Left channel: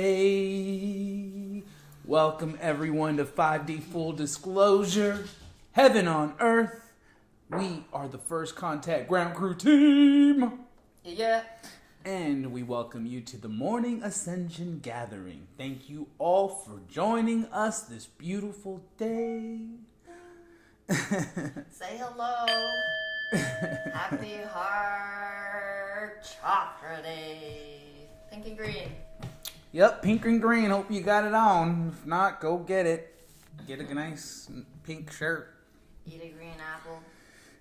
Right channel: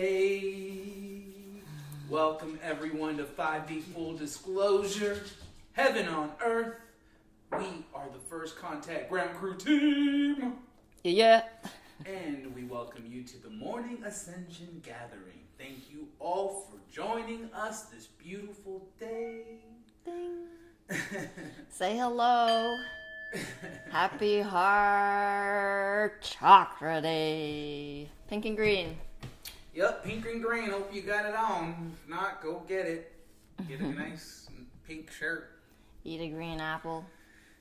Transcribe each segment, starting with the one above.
day. Welcome everyone to 5D Full Disclosure, Heaven on Earth. We are the First Contact Ground Crew team. Yeah. And we welcome you to the Morning Ascension Gathering. Thank you all for joining us this beautiful day. Say hello. Happy Heart Chakra Day. Pink and green. Yep, pink and green. Hope you got it on. If not, go get it. Get a nice pink shirt. Eat a green apple.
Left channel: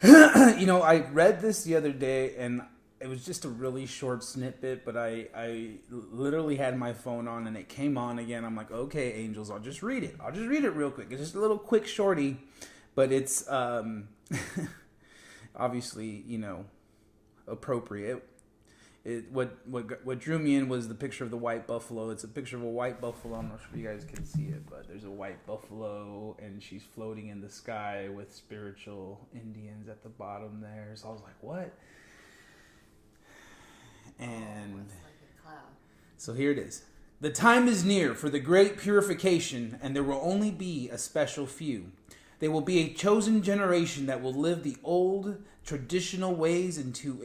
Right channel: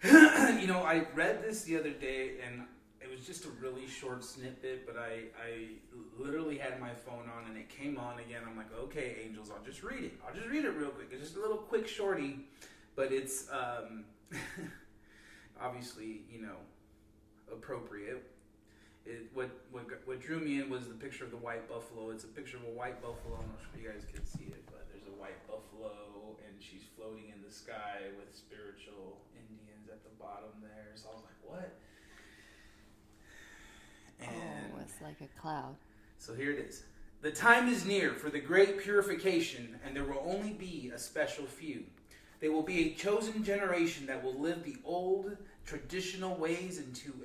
You know, I read this the other day, and it was just a really short snippet, but I literally had my phone on, and it came on again. I'm like, okay, angels, I'll just read it. I'll just read it real quick. It's just a little quick shorty, but it's obviously, you know, appropriate. What drew me in was the picture of the white buffalo. It's a picture of a white buffalo. I'm not sure if you guys can see it, but there's a white buffalo, and she's floating in the sky with spiritual Indians at the bottom there. So I was like, what? And it's like a cloud. So here it is. The time is near for the Great Purification, and there will only be a special few. They will be a chosen generation that will live the old traditional ways into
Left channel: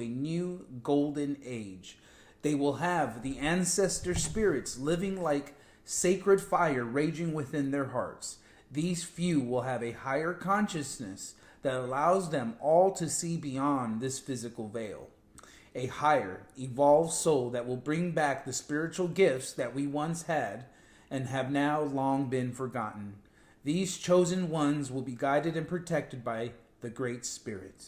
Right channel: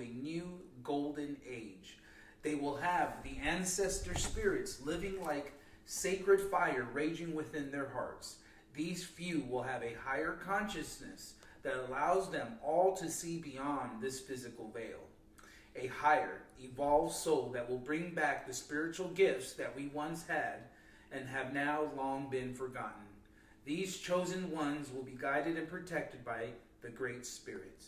a new golden age. They will have the ancestor spirits living like sacred fire raging within their hearts. These few will have a higher consciousness that allows them all to see beyond this physical veil. A higher, evolved soul that will bring back the spiritual gifts that we once had and have now long been forgotten. These chosen ones will be guided and protected by the Great Spirit.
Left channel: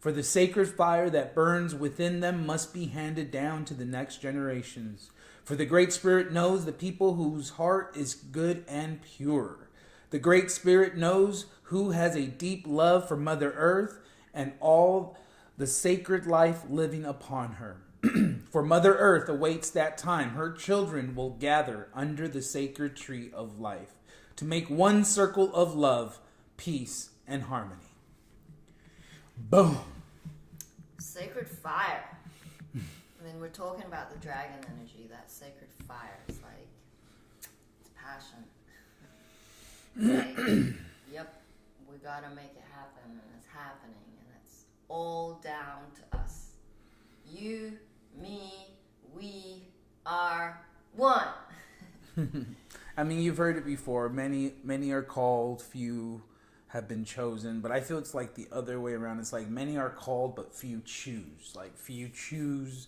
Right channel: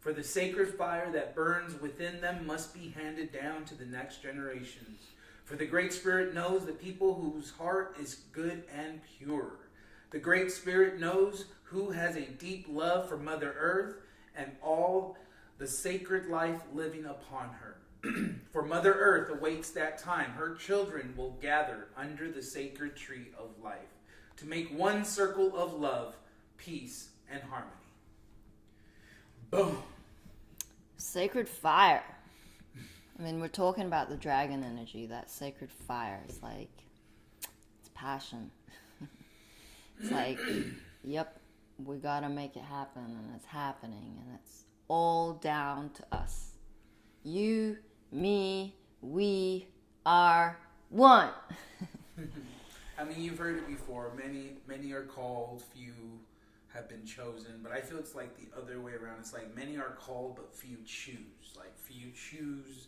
For the sacred fire that burns within them must be handed down to the next generations. For the Great Spirit knows the people whose heart is good and pure. The Great Spirit knows who has a deep love for Mother Earth and all the sacred life living upon her. For Mother Earth awaits that time. Her children will gather under the sacred tree of life to make one circle of love, peace, and harmony. Boom. Sacred fire. I mean, we're talking about the dragon energy. That sacred fire is like, it's passion. It's like, yep, we gotta make it happen, and it's happening, and it's all down to us. You, me, we are one. I mean, you've heard it before. Many are called, few have been chosen. But I feel it's like the other way around. It's like many are called, but few choose. Like few choose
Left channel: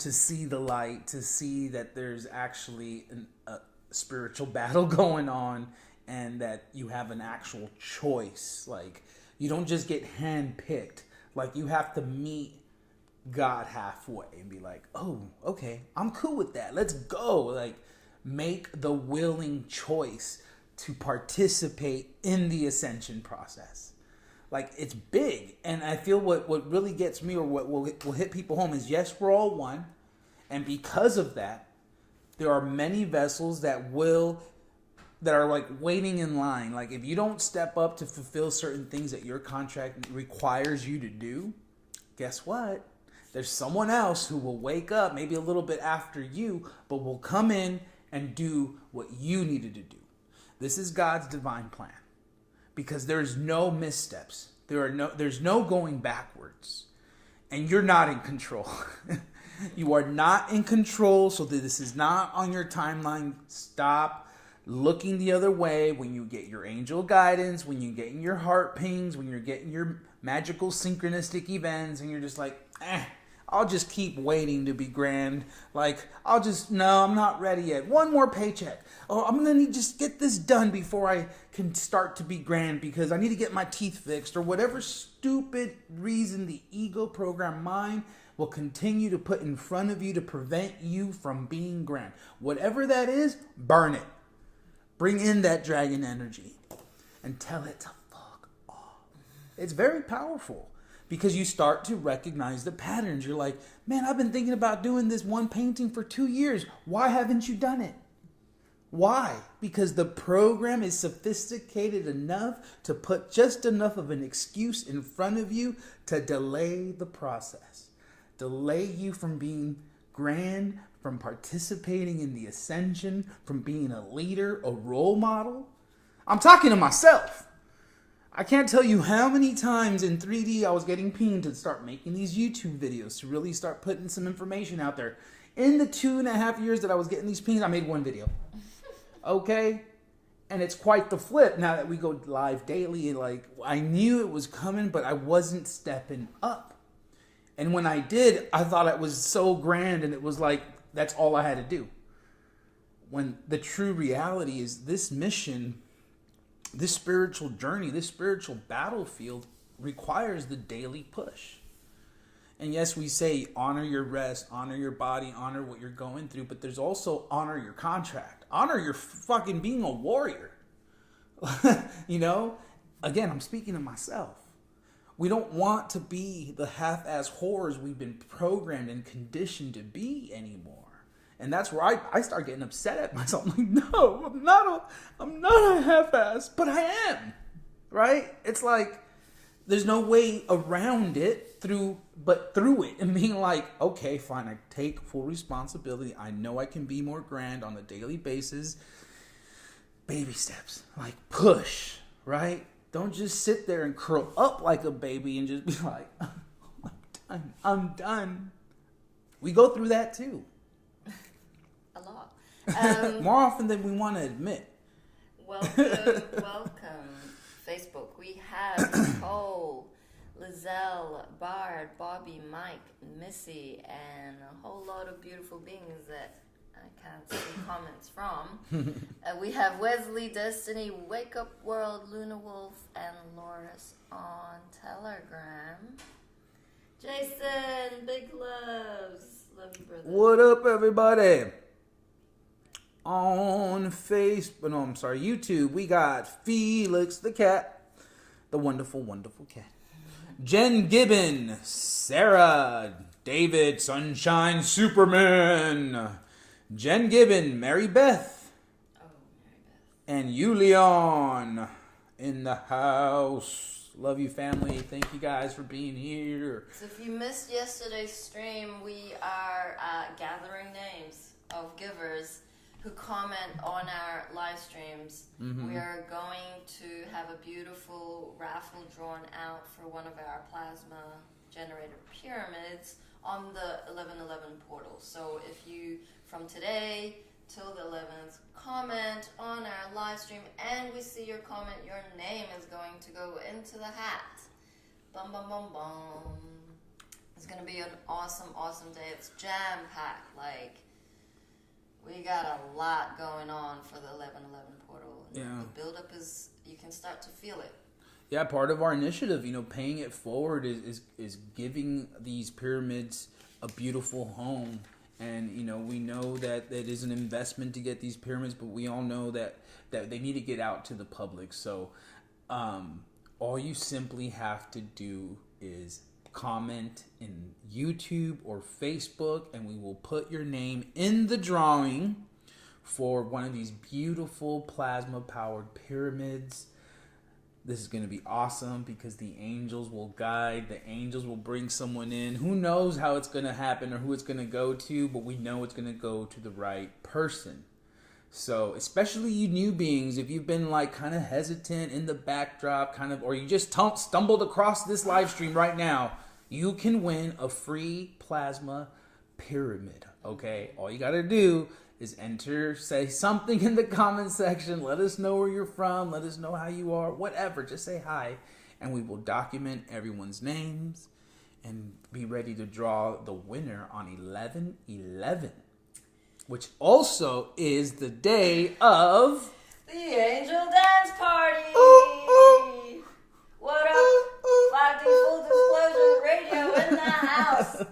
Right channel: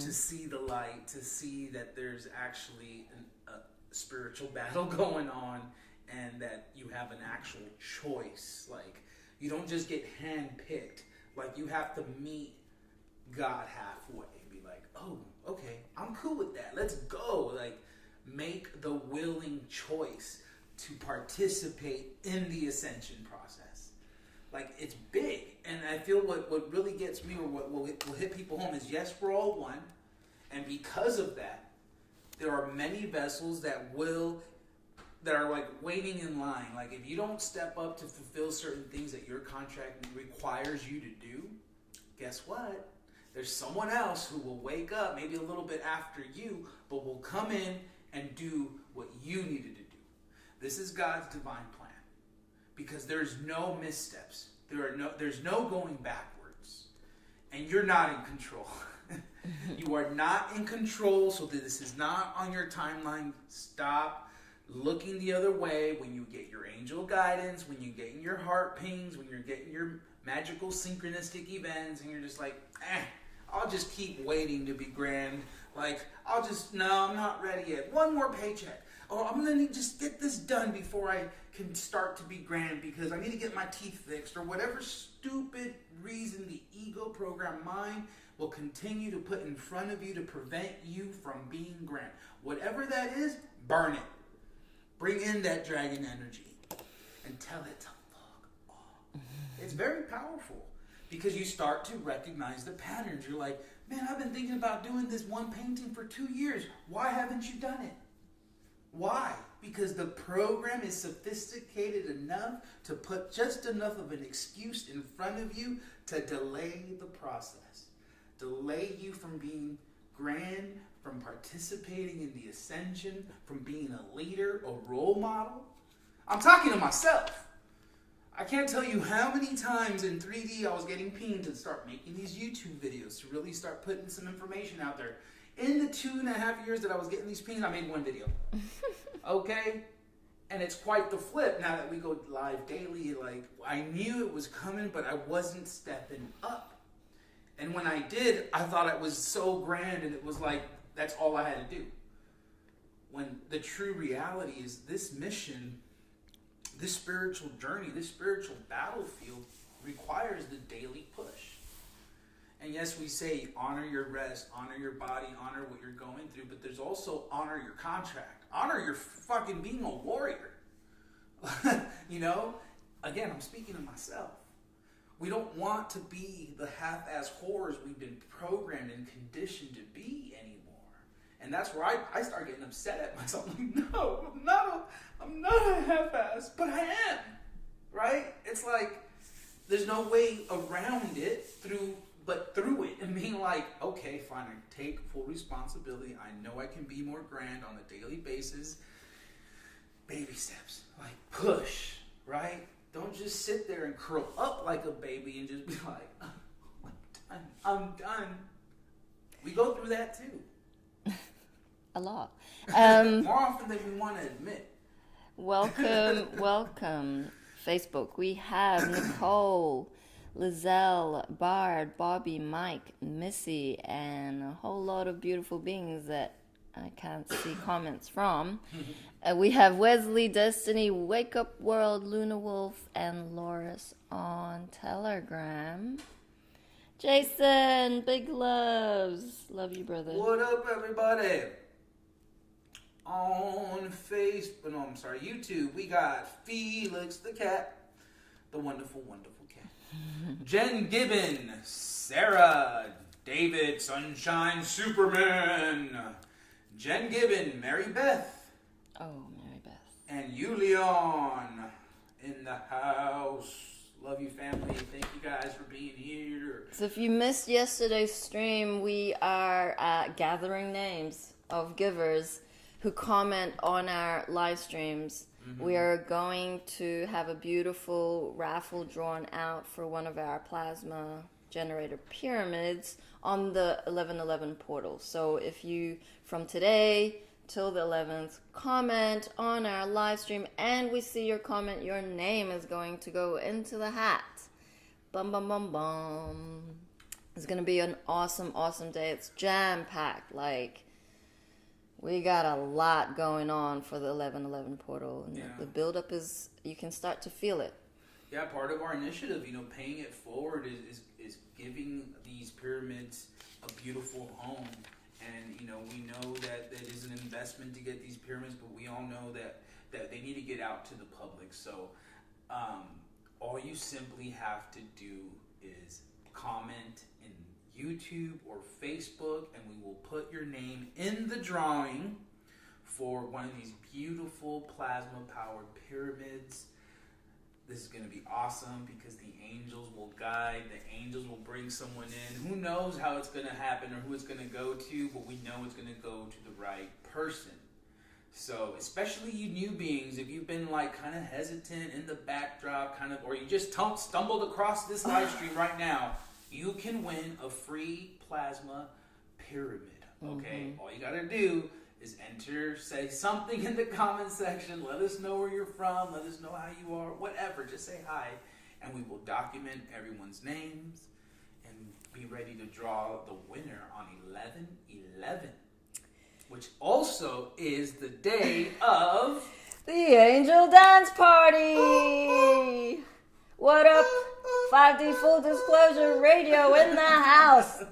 to see the light, to see that there's actually a spiritual battle going on, and that you have an actual choice. Like you don't just get handpicked. Like you have to meet God halfway and be like, oh, okay, I'm cool with that. Let's go. Like, make the willing choice to participate in the ascension process. Like, it's big. And I feel what really gets me, or what will hit people home, is yes, we're all one. And because of that, there are many vessels that are like waiting in line. Like, if you don't step up to fulfill certain things that your contract requires you to do, guess what? There's someone else who will wake up maybe a little bit after you, but will come in and do what you needed to do. This is God's divine plan, because there's no missteps. There's no going backwards, and you're not in control. You are not in control, so that this is not on your timeline. Stop looking the other way when you get your angel guidance, when you're getting your heart pings, when you're getting your magical synchronistic events, and you're just like, I'll just keep waiting to be grand. Like, no, I'm not ready yet. One more paycheck. Oh, I'm going to need to just get this done before I can start to be grand, because I need to get my teeth fixed, or whatever stupid reason the ego program mind will continue to put in front of you to prevent you from being grand. Whatever that is, burn it. Bring in that dragon energy and tell it to fuck off. It's very powerful, because you start to recognize the patterns. You're like, man, I've been thinking about doing this one painting for 2 years. Why haven't you done it? Why? Because the program is sophisticated enough to put just enough of an excuse in front of you to delay the process. Delay you from being grand from participating in the Ascension, from being a leader, a role model. I'm talking to myself. I can't tell you how many times in 3D I was getting pinged to start making these YouTube videos, to really start putting some information out there. In the 2.5 years that I was getting these pings, I made one video. Okay? And it's quite the flip now that we go live daily. Like, I knew it was coming, but I wasn't stepping up. And when I did, I thought it was so grand, and it was like, that's all I had to do. When the true reality is this mission, this spiritual journey, this spiritual battlefield requires the daily push. And yes, we say honor your rest, honor your body, honor what you're going through, but there's also honor your contract. Honor your fucking being a warrior. You know? Again, I'm speaking to myself. We don't want to be the half-ass whores we've been programmed and conditioned to be anymore. And that's where I start getting upset at myself. I'm like, no, I'm not a half-ass, but I am. Right? It's like, there's no way around it but through it. And being like, okay, fine, I take full responsibility. I know I can be more grand on a daily basis. Baby steps. Like, push. Right? Don't just sit there and curl up like a baby and just be like, oh, I'm done. We go through that too. A lot. More often than we want to admit. Welcome. Facebook. We have Nicole, Lizelle, Bard, Bobby, Mike, Missy, and a whole lot of beautiful beings that I can't see comments from. We have Wesley, Destiny, Wake Up World, Luna Wolf, and Loris on Telegram. Jason, big loves. Love you, brother. What up, everybody? On YouTube, we got Felix the cat, the wonderful, wonderful cat. Jen Gibbon, Sarah, David, Sunshine Superman, Jen Gibbon, Mary Beth. Oh, Mary Beth. And Yulion in the house. Love you, family. Thank you guys for being here. So if you missed yesterday's stream, we are gathering names of givers who comment on our live streams. Mm-hmm. We are going to have a beautiful raffle drawn out for one of our plasma generator pyramids on the 1111 portal. So if you, from today till the 11th, comment on our live stream and we see your comment, your name is going to go into the hat. Bum, bum, bum, bum. It's going to be an awesome, awesome day. It's jam-packed. Like, we got a lot going on for the 1111 portal. Yeah. The buildup is, you can start to feel it. Yeah, part of our initiative, paying it forward is giving these pyramids a beautiful home. And, we know that it is an investment to get these pyramids, but we all know that they need to get out to the public. So all you simply have to do is comment in YouTube or Facebook, and we will put your name in the drawing for one of these beautiful plasma-powered pyramids. This is going to be awesome because the angels will guide. The angels will bring someone in. Who knows how it's going to happen or who it's going to go to, but we know it's going to go to the right person. So, especially you new beings, if you've been kind of hesitant in the backdrop, or you just stumbled across this live stream right now, you can win a free plasma pyramid. Okay, all you got to do is say something in the comment section. Let us know where you're from. Let us know how you are. Whatever, just say hi, and we will document everyone's names and be ready to draw the winner on 11/11. Which also is the day of the Angel Dance Party. What up? 5D Full Disclosure Radio in the house.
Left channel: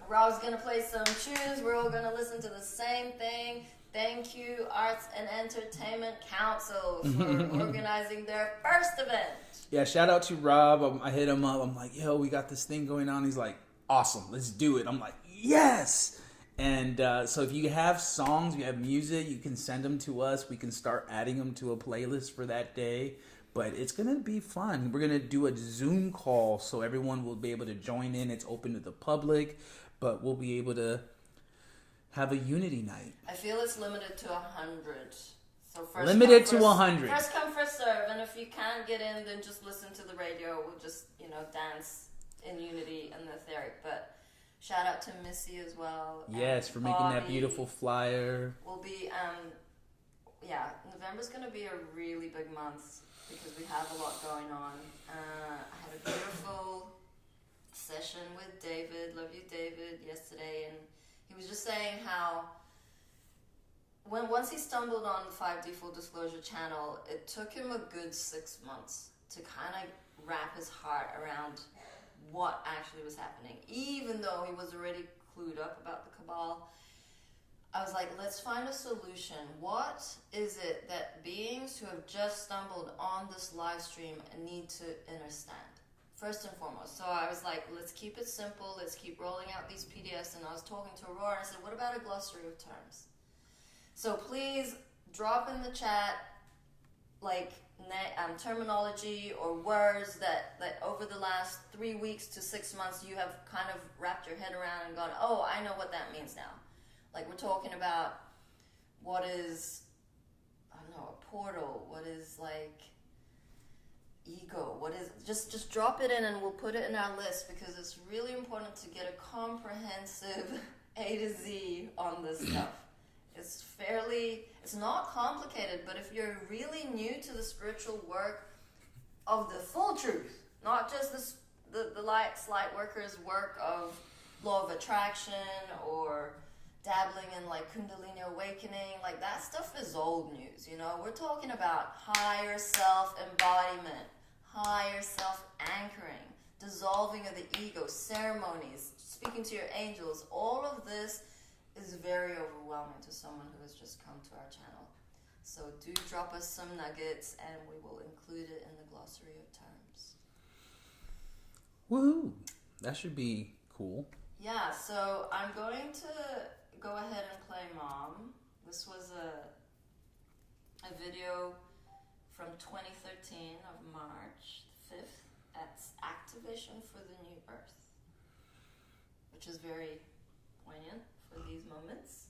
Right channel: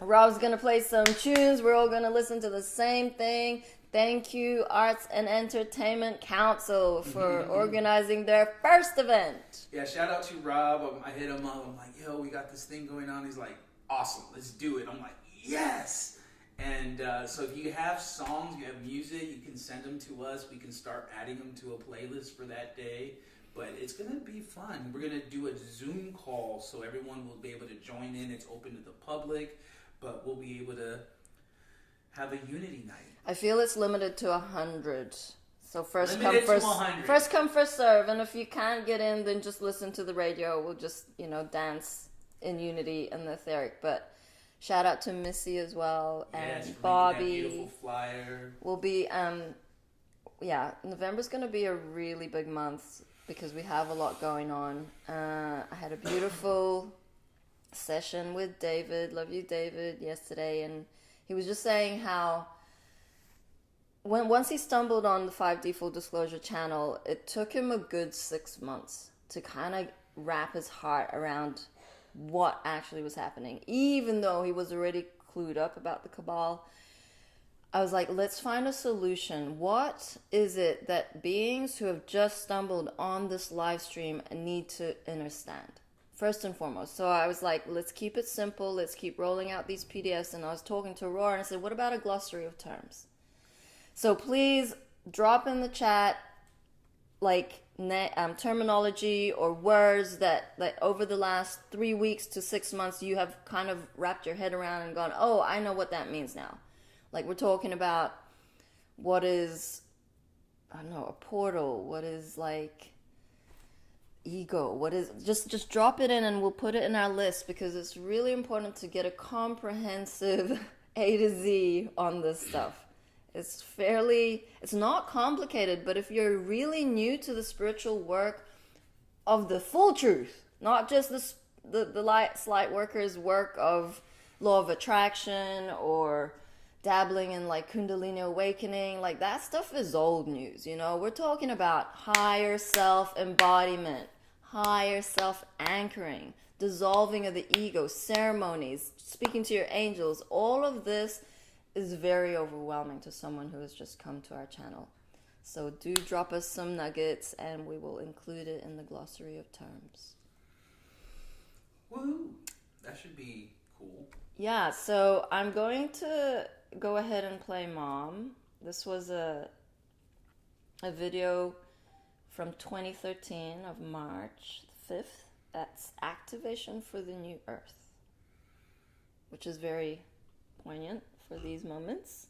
Rob's gonna play some tunes. We're all gonna listen to the same thing. Thank you, Arts and Entertainment Council, for organizing their first event. Yeah, shout out to Rob. I hit him up. I'm like, yo, we got this thing going on. He's like, awesome, let's do it. I'm like, yes. And so if you have songs, you have music, you can send them to us. We can start adding them to a playlist for that day. But it's going to be fun. We're going to do a Zoom call so everyone will be able to join in. It's open to the public, but we'll be able to have a unity night. I feel it's limited to 100. So first limited come, to 100. First come, first serve. And if you can't get in, then just listen to the radio. We'll just, dance in unity and the etheric. But shout out to Missy as well. Yes, and for Bobby. making that beautiful flyer. We'll be, November's going to be a really big month because we have a lot going on. I had a beautiful session with David. Love you, David, yesterday. And he was just saying how once he stumbled on the 5D Full Disclosure channel, it took him a good 6 months to kind of wrap his heart around what actually was happening. Even though he was already clued up about the cabal, I was like, let's find a solution. What is it that beings who have just stumbled on this live stream need to understand? First and foremost. So I was like, let's keep it simple. Let's keep rolling out these PDFs. And I was talking to Aurora and I said, what about a glossary of terms? So please drop in the chat terminology or words that over the last 3 weeks to 6 months you have kind of wrapped your head around and gone, oh, I know what that means now. Like we're talking about what is, I don't know, a portal, what is like ego, what is, just drop it in and we'll put it in our list because it's really important to get a comprehensive A to Z on this stuff. It's not complicated, but if you're really new to the spiritual work of the full truth, not just the light workers' work of law of attraction or dabbling in like Kundalini awakening, like that stuff is old news, We're talking about higher self-embodiment, higher self-anchoring, dissolving of the ego, ceremonies, speaking to your angels. All of this is very overwhelming to someone who has just come to our channel. So do drop us some nuggets and we will include it in the glossary of terms. Woohoo! That should be cool. Yeah, so I'm going to go ahead and play Mom. This was a video from 2013 of March 5th. That's Activation for the New Earth, which is very poignant for these moments.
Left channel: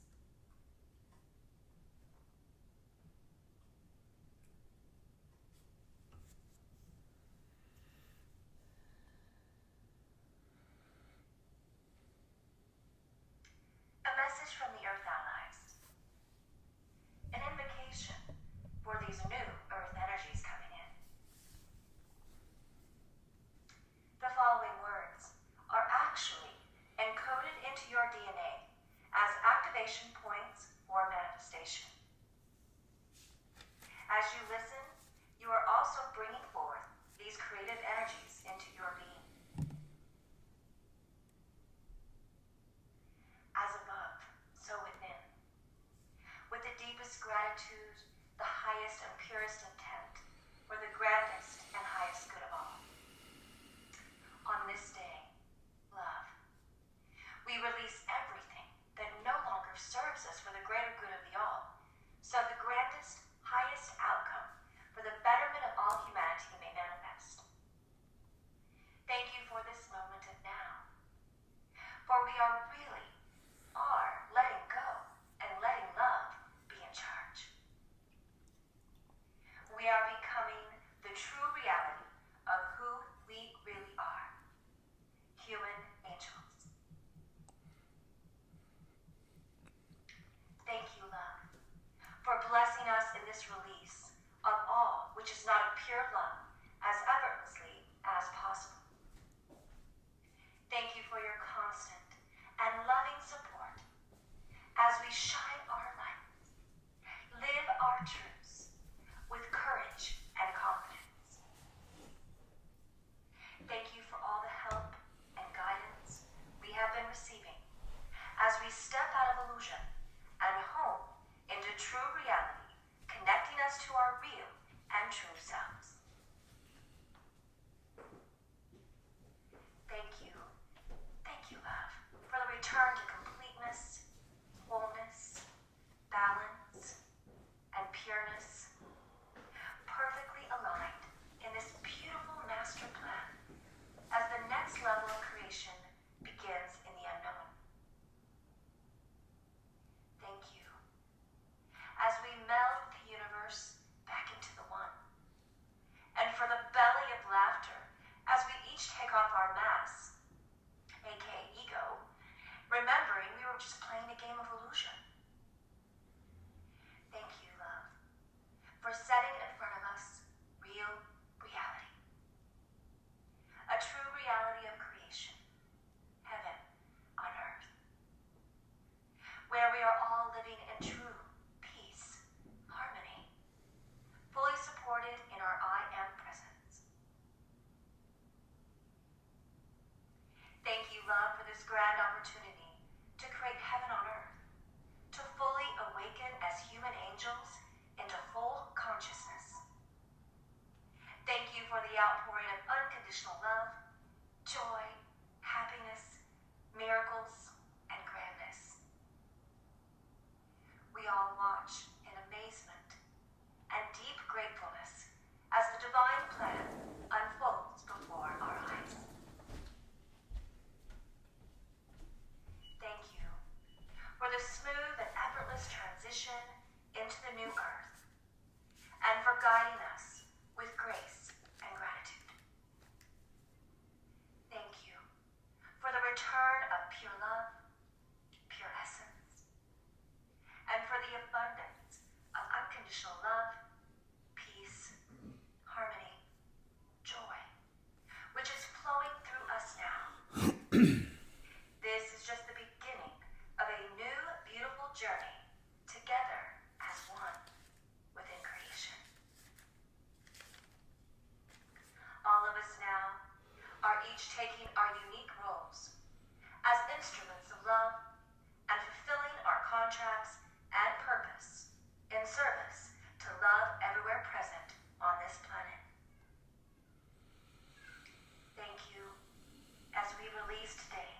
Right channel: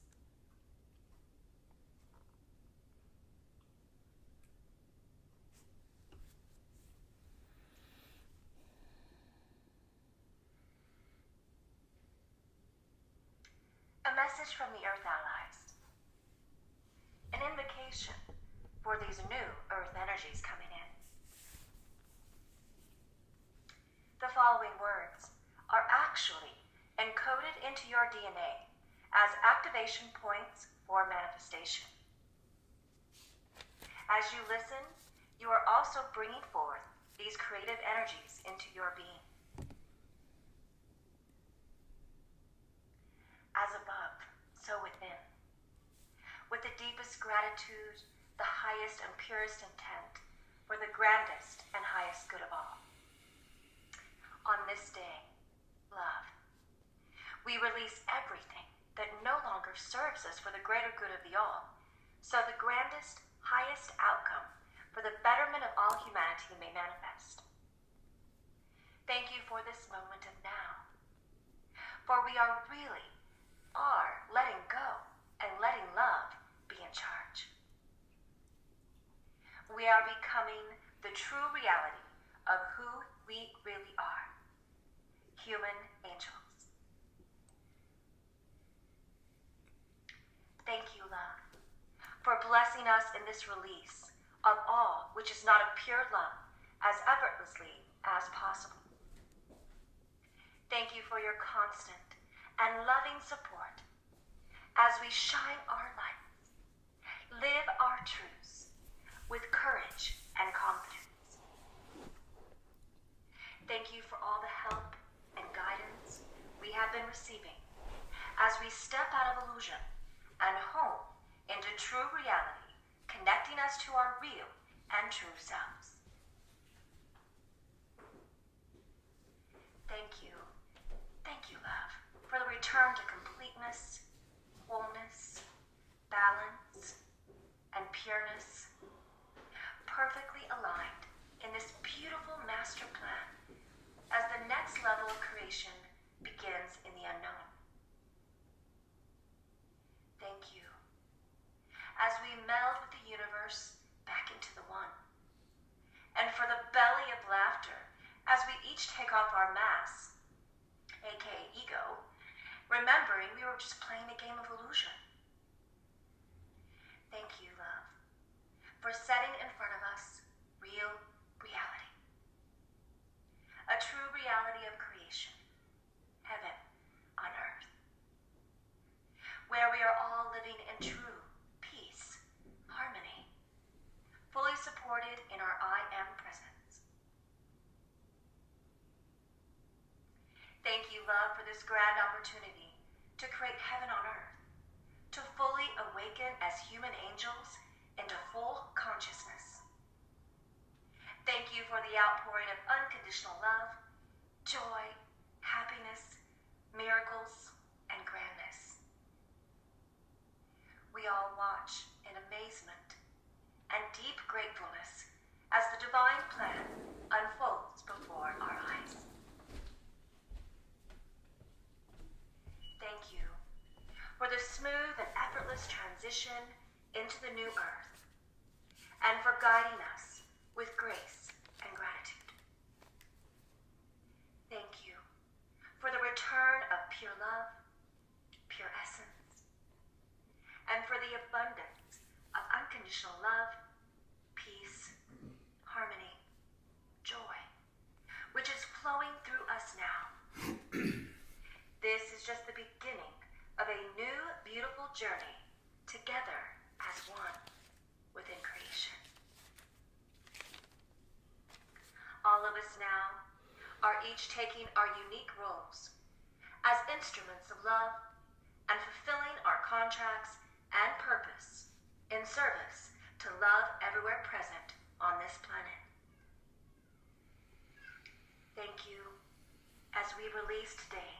A message from the Earth Allies. An invocation for these new Earth energies coming in. The following words are actually encoded into your DNA as activation points for manifestation. As you listen, you are also bringing forth these creative energies into your being. As above, so within. With the deepest gratitude, the highest and purest intent for the grandest and highest good of all. On this day, love, we release everything that no longer serves us for the greater good of the all, so the grandest, highest outcome for the betterment of all humanity may manifest. Thank you for this moment of now, for we are letting go and letting love be in charge. We are becoming the true reality of who we really are, human angels. Thank you, love, for blessing us in this release of all which is not of pure love as effortlessly as possible. Thank you for your constant and loving support as we shine our lights, live our truths with courage and confidence. Thank you for all the help and guidance we have been receiving as we step out of illusion and home into true reality, connecting us to our real and true selves. Thank you, love, for the return to completeness, wholeness, balance, and pureness, perfectly aligned in this beautiful master plan as the next level of creation begins in the unknown. each take off our masks, aka ego, remembering we were just playing a game of illusion. Thank you, love, for setting in front of us real reality. A true reality of creation, heaven on earth, where we are all living in true peace, harmony, fully supported in our I am presence. Thank you, love, for this grand opportunity to create heaven on earth, to fully awaken as human angels into full consciousness. Thank you for the outpouring of unconditional love, joy, happiness, miracles, and grandness. We all watch in amazement and deep gratefulness as the divine plan unfolds before our eyes. Thank you for the smooth and effortless transition into the new earth, and for guiding us with grace and gratitude. Thank you for the return of pure love, pure essence, and for the abundance of unconditional love, peace, harmony, joy, which is flowing through us now. This is just the beginning of a new, beautiful journey together as one within creation. All of us now are each taking our unique roles as instruments of love and fulfilling our contracts and purpose in service to love everywhere present on this planet. Thank you as we release today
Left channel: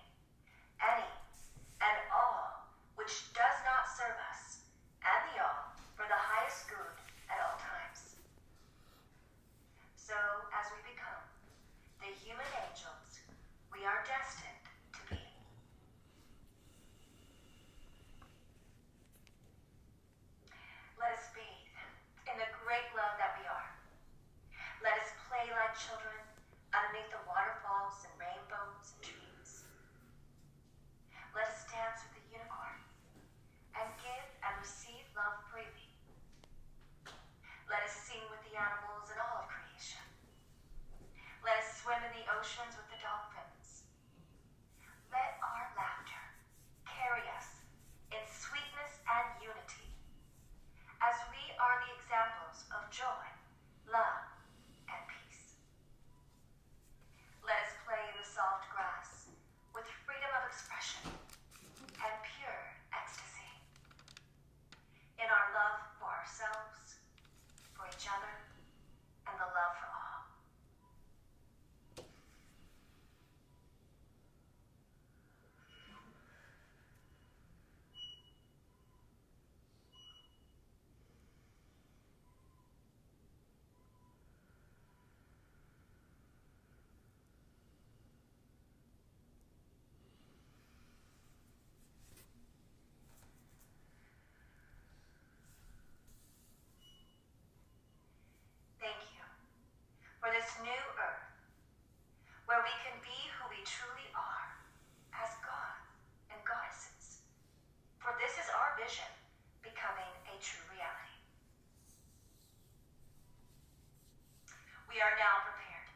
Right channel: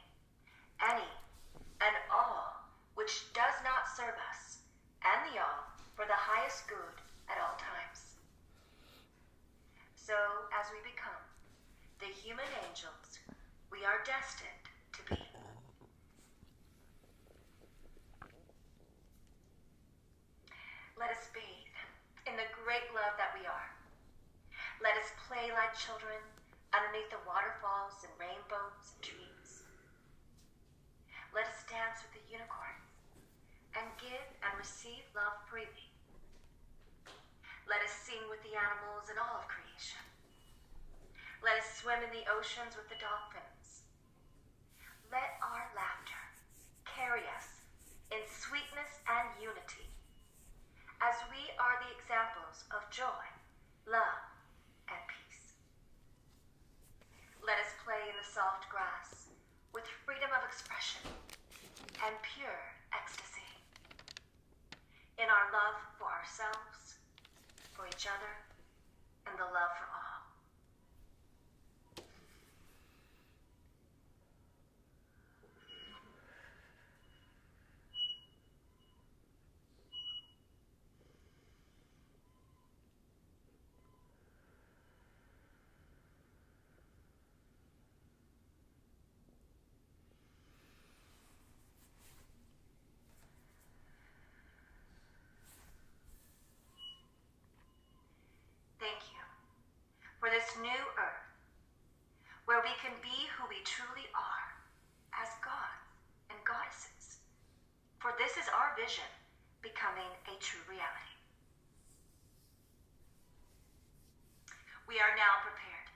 any and all which does not serve us, and the all for the highest good at all times. So as we become the human angels we are destined to be. Let us bathe in the great love that we are. Let us play like children underneath the waterfalls and rainbows and trees. Let us dance with the unicorns and give and receive love freely. Let us sing with the animals and all of creation. Let us swim in the oceans with the dolphins. Let our laughter carry us in sweetness and unity, as we are the examples of joy, love, and peace. Let us play in the soft grass with freedom of expression and pure ecstasy, in our love for ourselves, for each other, and the love for all. Thank you for this new earth, where we can be who we truly are as gods and goddesses. For this is our vision, becoming a true reality. We are now prepared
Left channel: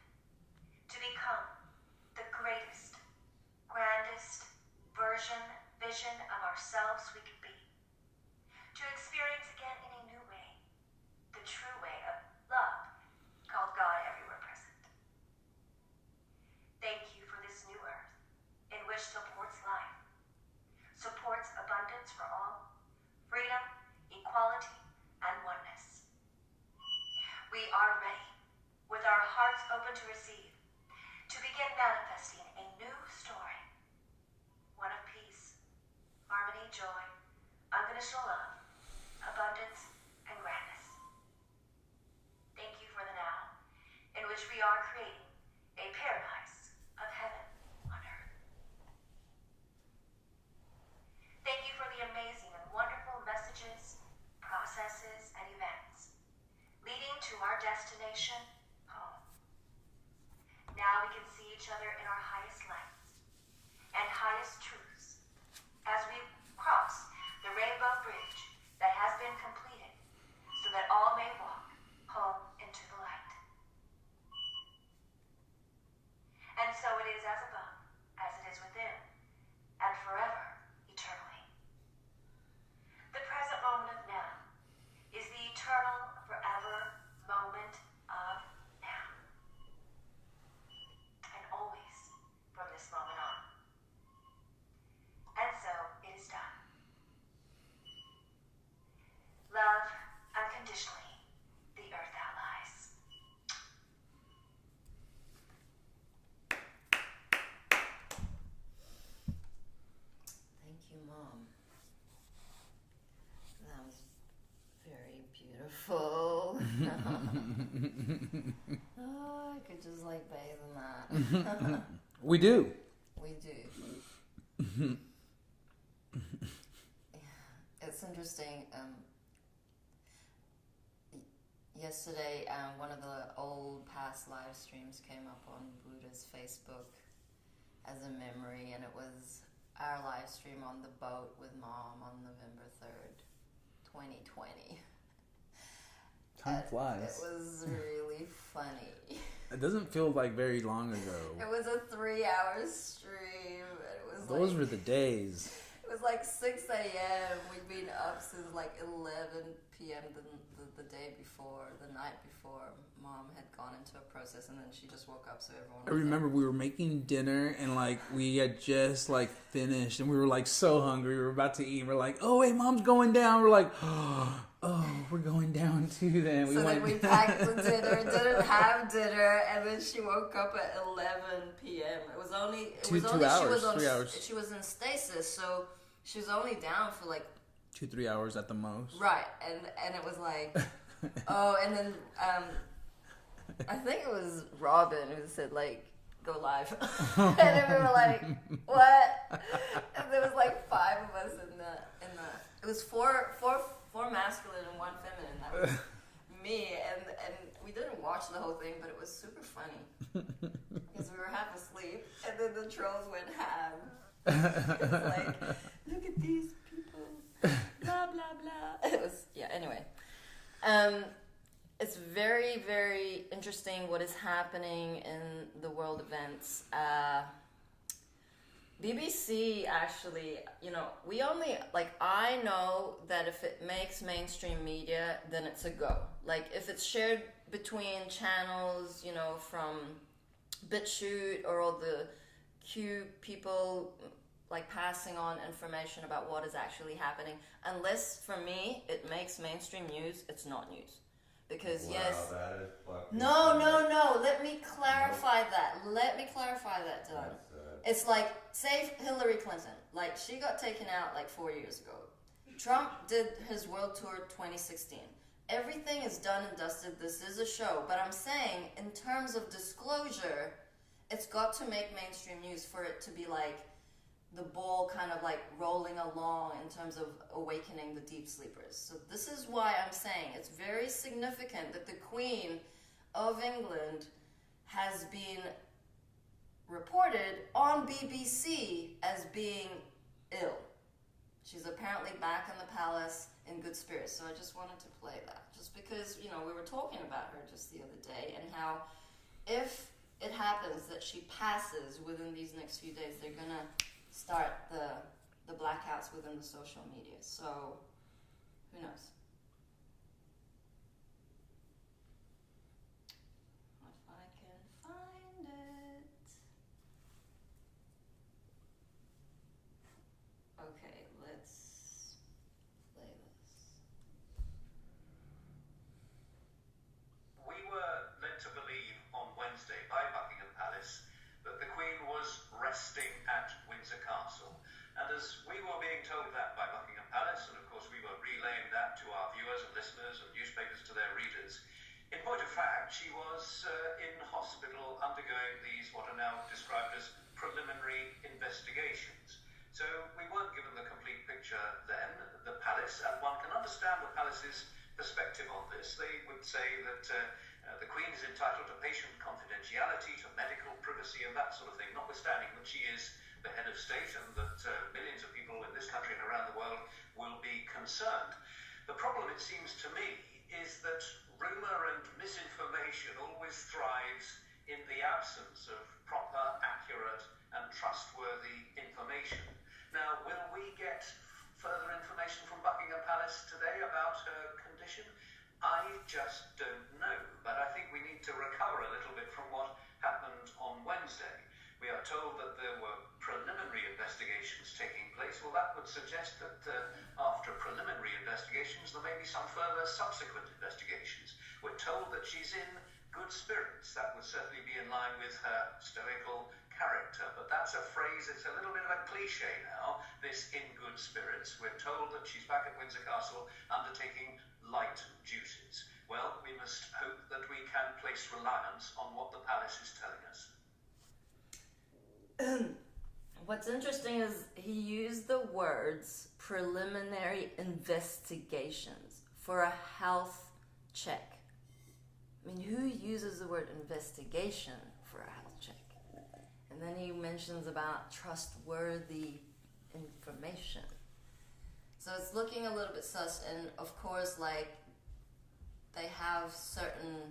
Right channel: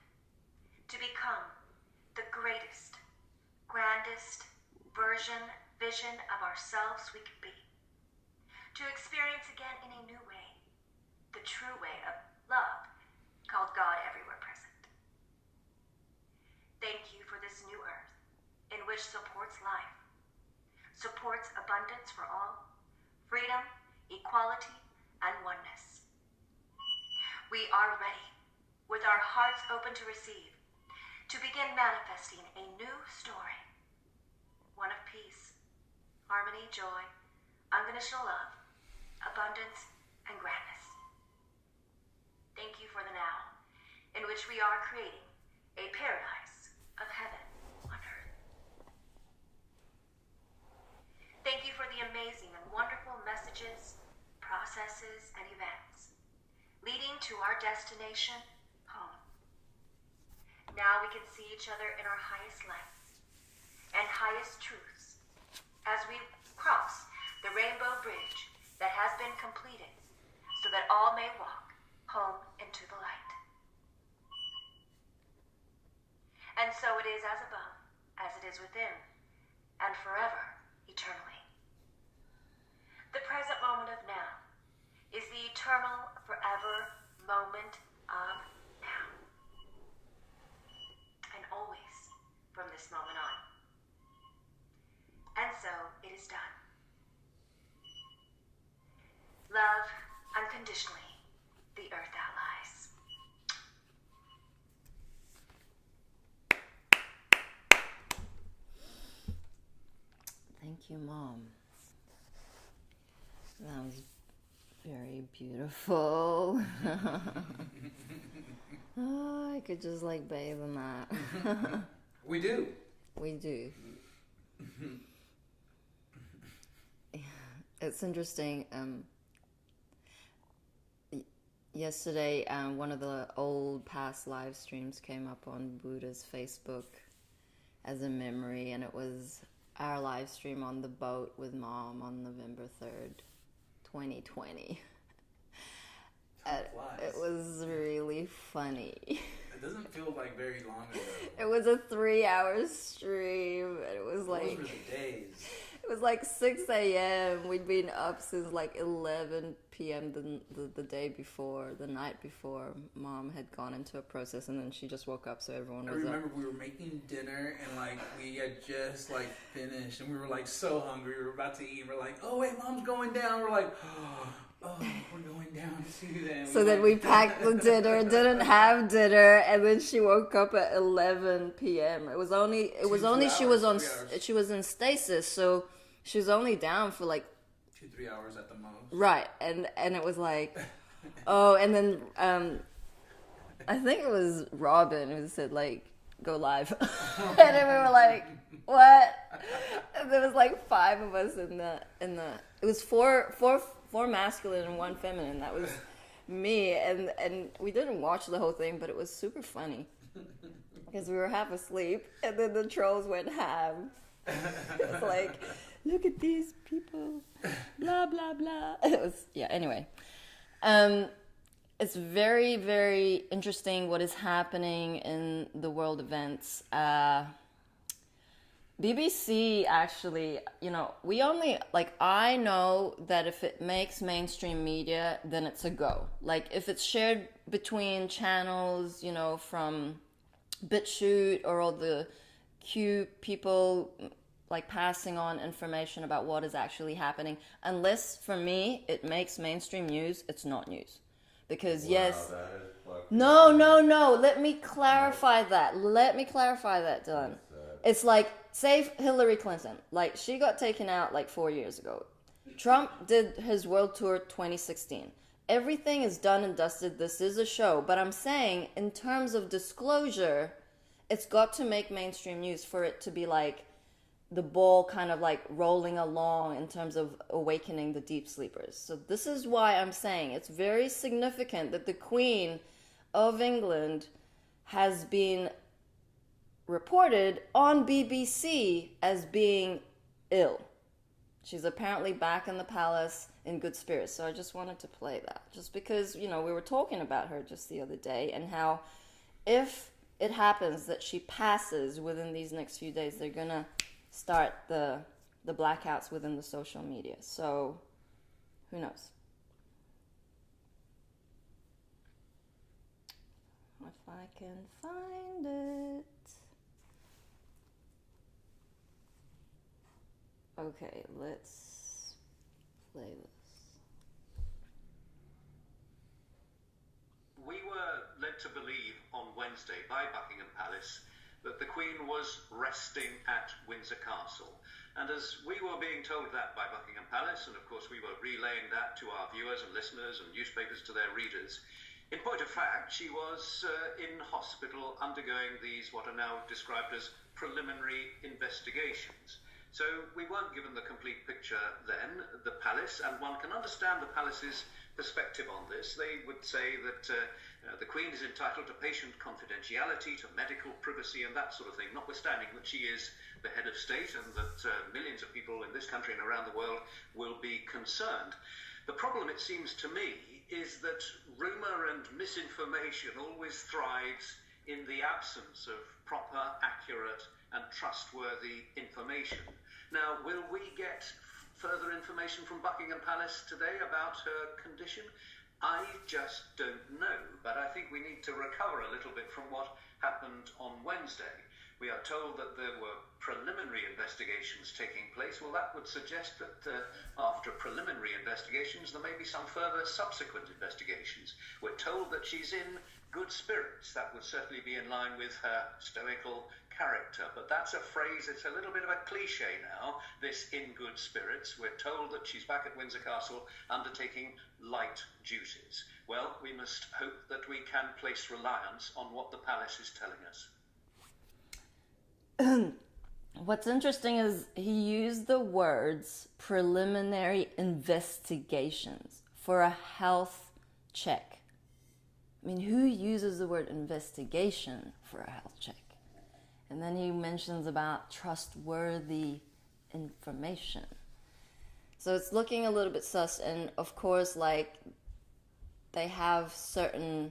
to become the greatest, grandest vision of ourselves we can be. To experience again in a new way, the true way of love, called God everywhere present. Thank you for this new earth, in which supports life, supports abundance for all, freedom, equality, and oneness. We are ready, with our hearts open to receive, to begin manifesting a new story, one of peace, harmony, joy, unconditional love, abundance, and grandness. Thank you for the now, in which we are creating a paradise of heaven on earth. Thank you for the amazing and wonderful messages, processes, and events leading to our destination, home. Now we can see each other in our highest lights and highest truths as we cross the rainbow bridge that has been completed so that all may walk home into the light. And so it is as above, as it is within, and forever, eternally. The present moment of now is the eternal, forever moment of now. And always from this moment on. And so it is done. Love unconditionally, the earth outlies. Thank you, Mom. That was very beautiful. Oh, I could just like bathe in that. We do. We do. It's interesting. Yesterday, one of the old past live streams came up on Buddha's Facebook as a memory, and it was our live stream on the boat with Mom on November 3rd, 2020. Time flies. It was really funny. It doesn't feel like very long ago. It was a 3-hour stream. It was like... Those were the days. It was like 6 a.m. We'd been up since like 11 p.m. the day before, the night before. Mom had gone into a process, and then she just woke up, so everyone was I remember up. we were making dinner, and like we had just like finished, and we were like so hungry. We were about to eat. We're like, oh wait, Mom's going down. We're like, oh, we're going down too. Then we packed the dinner, didn't have dinner, and then she woke up at 11 p.m. It was only she was in stasis, so she was only down for like 2-3 hours at the most. Right, and it was like, oh, and then I think it was Robin who said like, go live, and then we were like, what? And there was like 5 of us in the. It was four masculine and 1 feminine. That was me, and we didn't watch the whole thing, but it was super funny because we were half asleep, and then the trolls went ham. It was like, look at these people, blah blah blah. It was anyway. It's very, very interesting what is happening in the world events. BBC actually, we only, I know that if it makes mainstream media, then it's a go. Like, if it's shared between channels, from BitChute or all the Q people, passing on information about what is actually happening, unless, for me, it makes mainstream news, it's not news. Because, No, let me clarify that. Dylan. It's like, say Hillary Clinton, she got taken out 4 years ago. Trump did his world tour 2016. Everything is done and dusted. This is a show. But I'm saying, in terms of disclosure, it's got to make mainstream news for it to be the ball kind of rolling along in terms of awakening the deep sleepers. So this is why I'm saying it's very significant that the Queen of England has been reported on BBC as being ill. She's apparently back in the palace in good spirits. So I just wanted to play that. Just because, we were talking about her just the other day, and how if it happens that she passes within these next few days, they're going to start the blackouts within the social media. So who knows? If I can find it. Okay, let's play this. We were led to believe on Wednesday by Buckingham Palace that the Queen was resting at Windsor Castle. And as we were being told that by Buckingham Palace, and of course we were relaying that to our viewers and listeners and newspapers to their readers, in point of fact, she was in hospital undergoing these what are now described as preliminary investigations. So we weren't given the complete picture then, the palace, and one can understand the palace's perspective on this, they would say that the Queen is entitled to patient confidentiality, to medical privacy and that sort of thing, notwithstanding that she is the head of state and that millions of people in this country and around the world will be concerned. The problem, it seems to me, is that rumour and misinformation always thrives in the absence of proper, accurate and trustworthy information. Now, will we get further information from Buckingham Palace today about her condition? I just don't know, but I think we need to recover a little bit from what happened on Wednesday. We are told that there were preliminary investigations taking place. Well, that would suggest that after preliminary investigations, there may be some further subsequent investigations. We're told that she's in good spirits. That would certainly be in line with her stoical character. But that's a phrase, it's a little bit of a cliche now, this in good spirits. We're told that she's back at Windsor Castle undertaking light duties. Well, we must hope that we can place reliance on what the palace is telling us. What's interesting is he used the words preliminary investigations for a health check. I mean, who uses the word investigation for a health check? And then he mentions about trustworthy information. So it's looking a little bit sus, and of course, like, they have certain,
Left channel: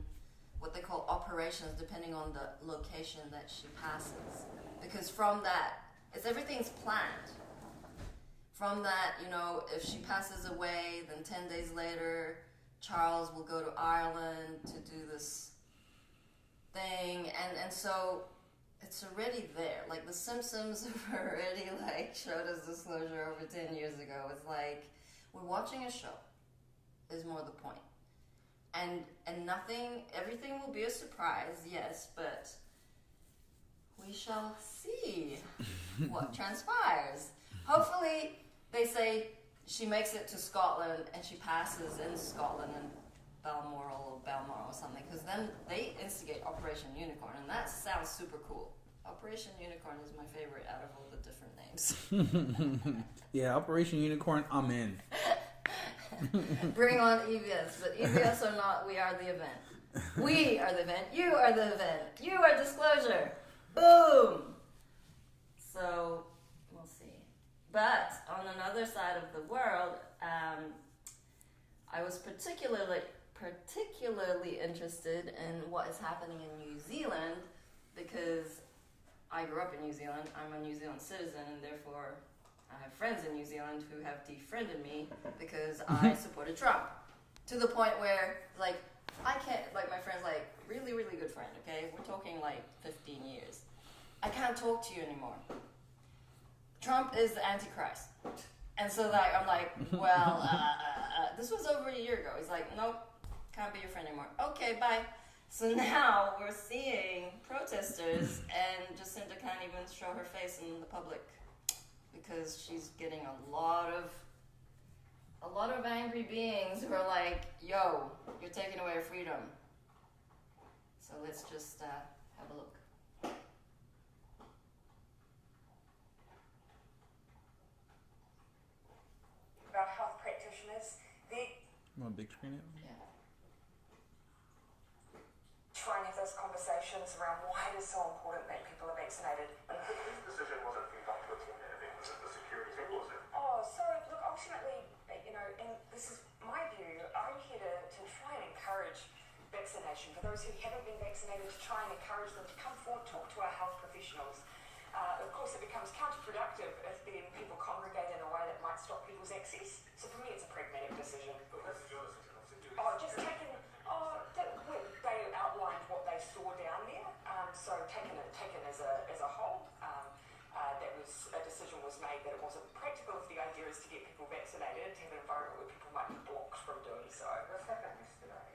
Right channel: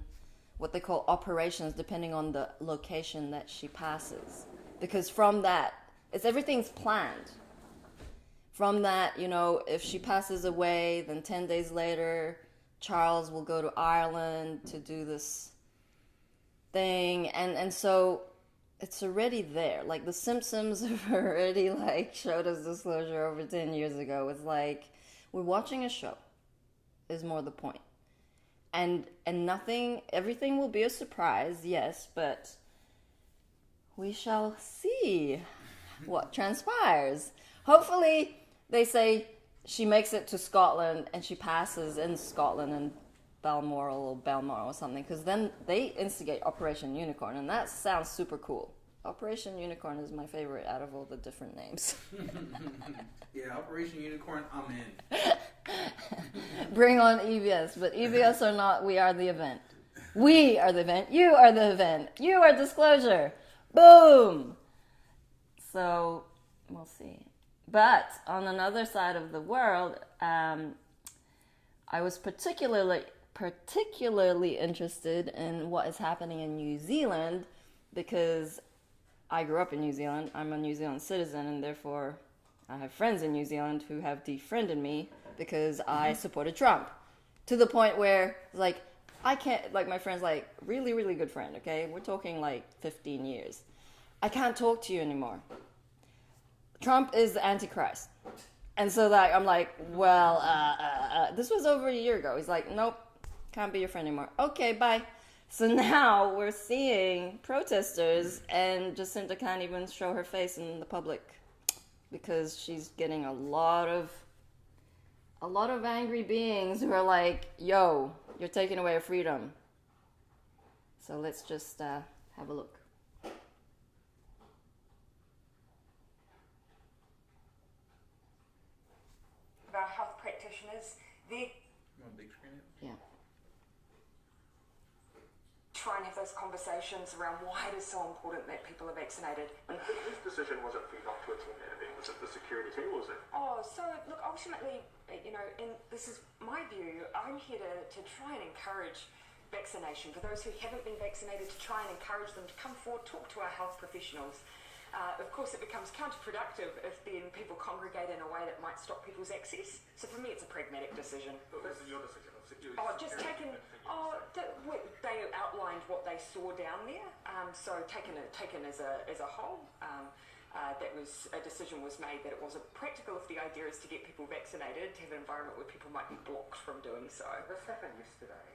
what they call operations, depending on the location that she passes. Because from that, everything's planned. From that, you know, if she passes away, then 10 days later, Charles will go to Ireland to do this thing. And so it's already there. Like, the Simpsons have already, like, showed us disclosure over 10 years ago. It's like, we're watching a show, is more the point. And everything will be a surprise, yes, but we shall see what transpires. Hopefully, they say she makes it to Scotland and she passes in Scotland and Balmoral or something, because then they instigate Operation Unicorn, and that sounds super cool. Operation Unicorn is my favorite out of all the different names. Yeah, Operation Unicorn, I'm in. Bring on EBS, but EBS or not, we are the event. We are the event. You are the event. You are disclosure. Boom! So, we'll see. But, on another side of the world, I was particularly interested in what is happening in New Zealand, because I grew up in New Zealand. I'm a New Zealand citizen, and therefore I have friends in New Zealand who have defriended me because I supported Trump. To the point where, like, I can't, like, my friend's like, really, really good friend, okay? We're talking like 15 years. I can't talk to you anymore. Trump is the Antichrist. And so, like, I'm like, well, this was over a year ago. He's like, nope, can't be your friend anymore. Okay, bye. So now we're seeing protesters, and Jacinta can't even show her face in the public because she's getting a lot of angry beings who are like, yo, you're taking away our freedom. So let's just have a look. About health practitioners, they're Want a big screen? Yeah. trying to have those conversations around why it is so important that people are vaccinated. Whose decision was it for you not to attend anything? Was it the security team or was it? Oh, so look, ultimately, you know, and this is my view, I'm here to try and encourage vaccination. For those who haven't been vaccinated, to try and encourage them to come forward, talk to our health professionals. Of course, it becomes counterproductive if then people congregate in a way that might stop people's access. So for me, it's a pragmatic decision. Well, this is your decision, obviously. Just taking, they outlined what they saw down there. So taken as a whole, a decision was made that it wasn't practical if the idea is to get people vaccinated, to have an environment where people might be blocked from doing so. This happened yesterday.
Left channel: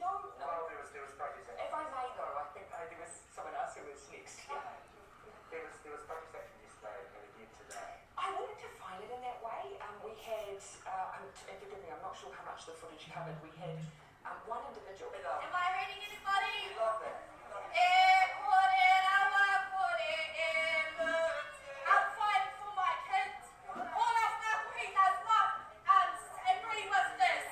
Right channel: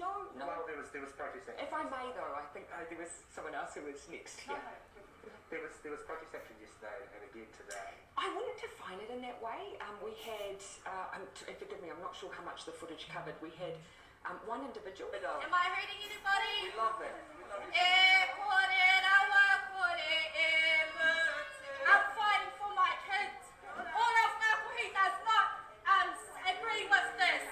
No. Well, there was protest action. If I may, though, I think there was someone else who was next. No. Yeah. There was protest action yesterday and again today. I wouldn't define it in that way. We had, and forgive me, I'm not sure how much the footage covered. We had one individual. Am I hurting anybody? We love that. I'm fighting for my kids. All of my queen does not agree with this.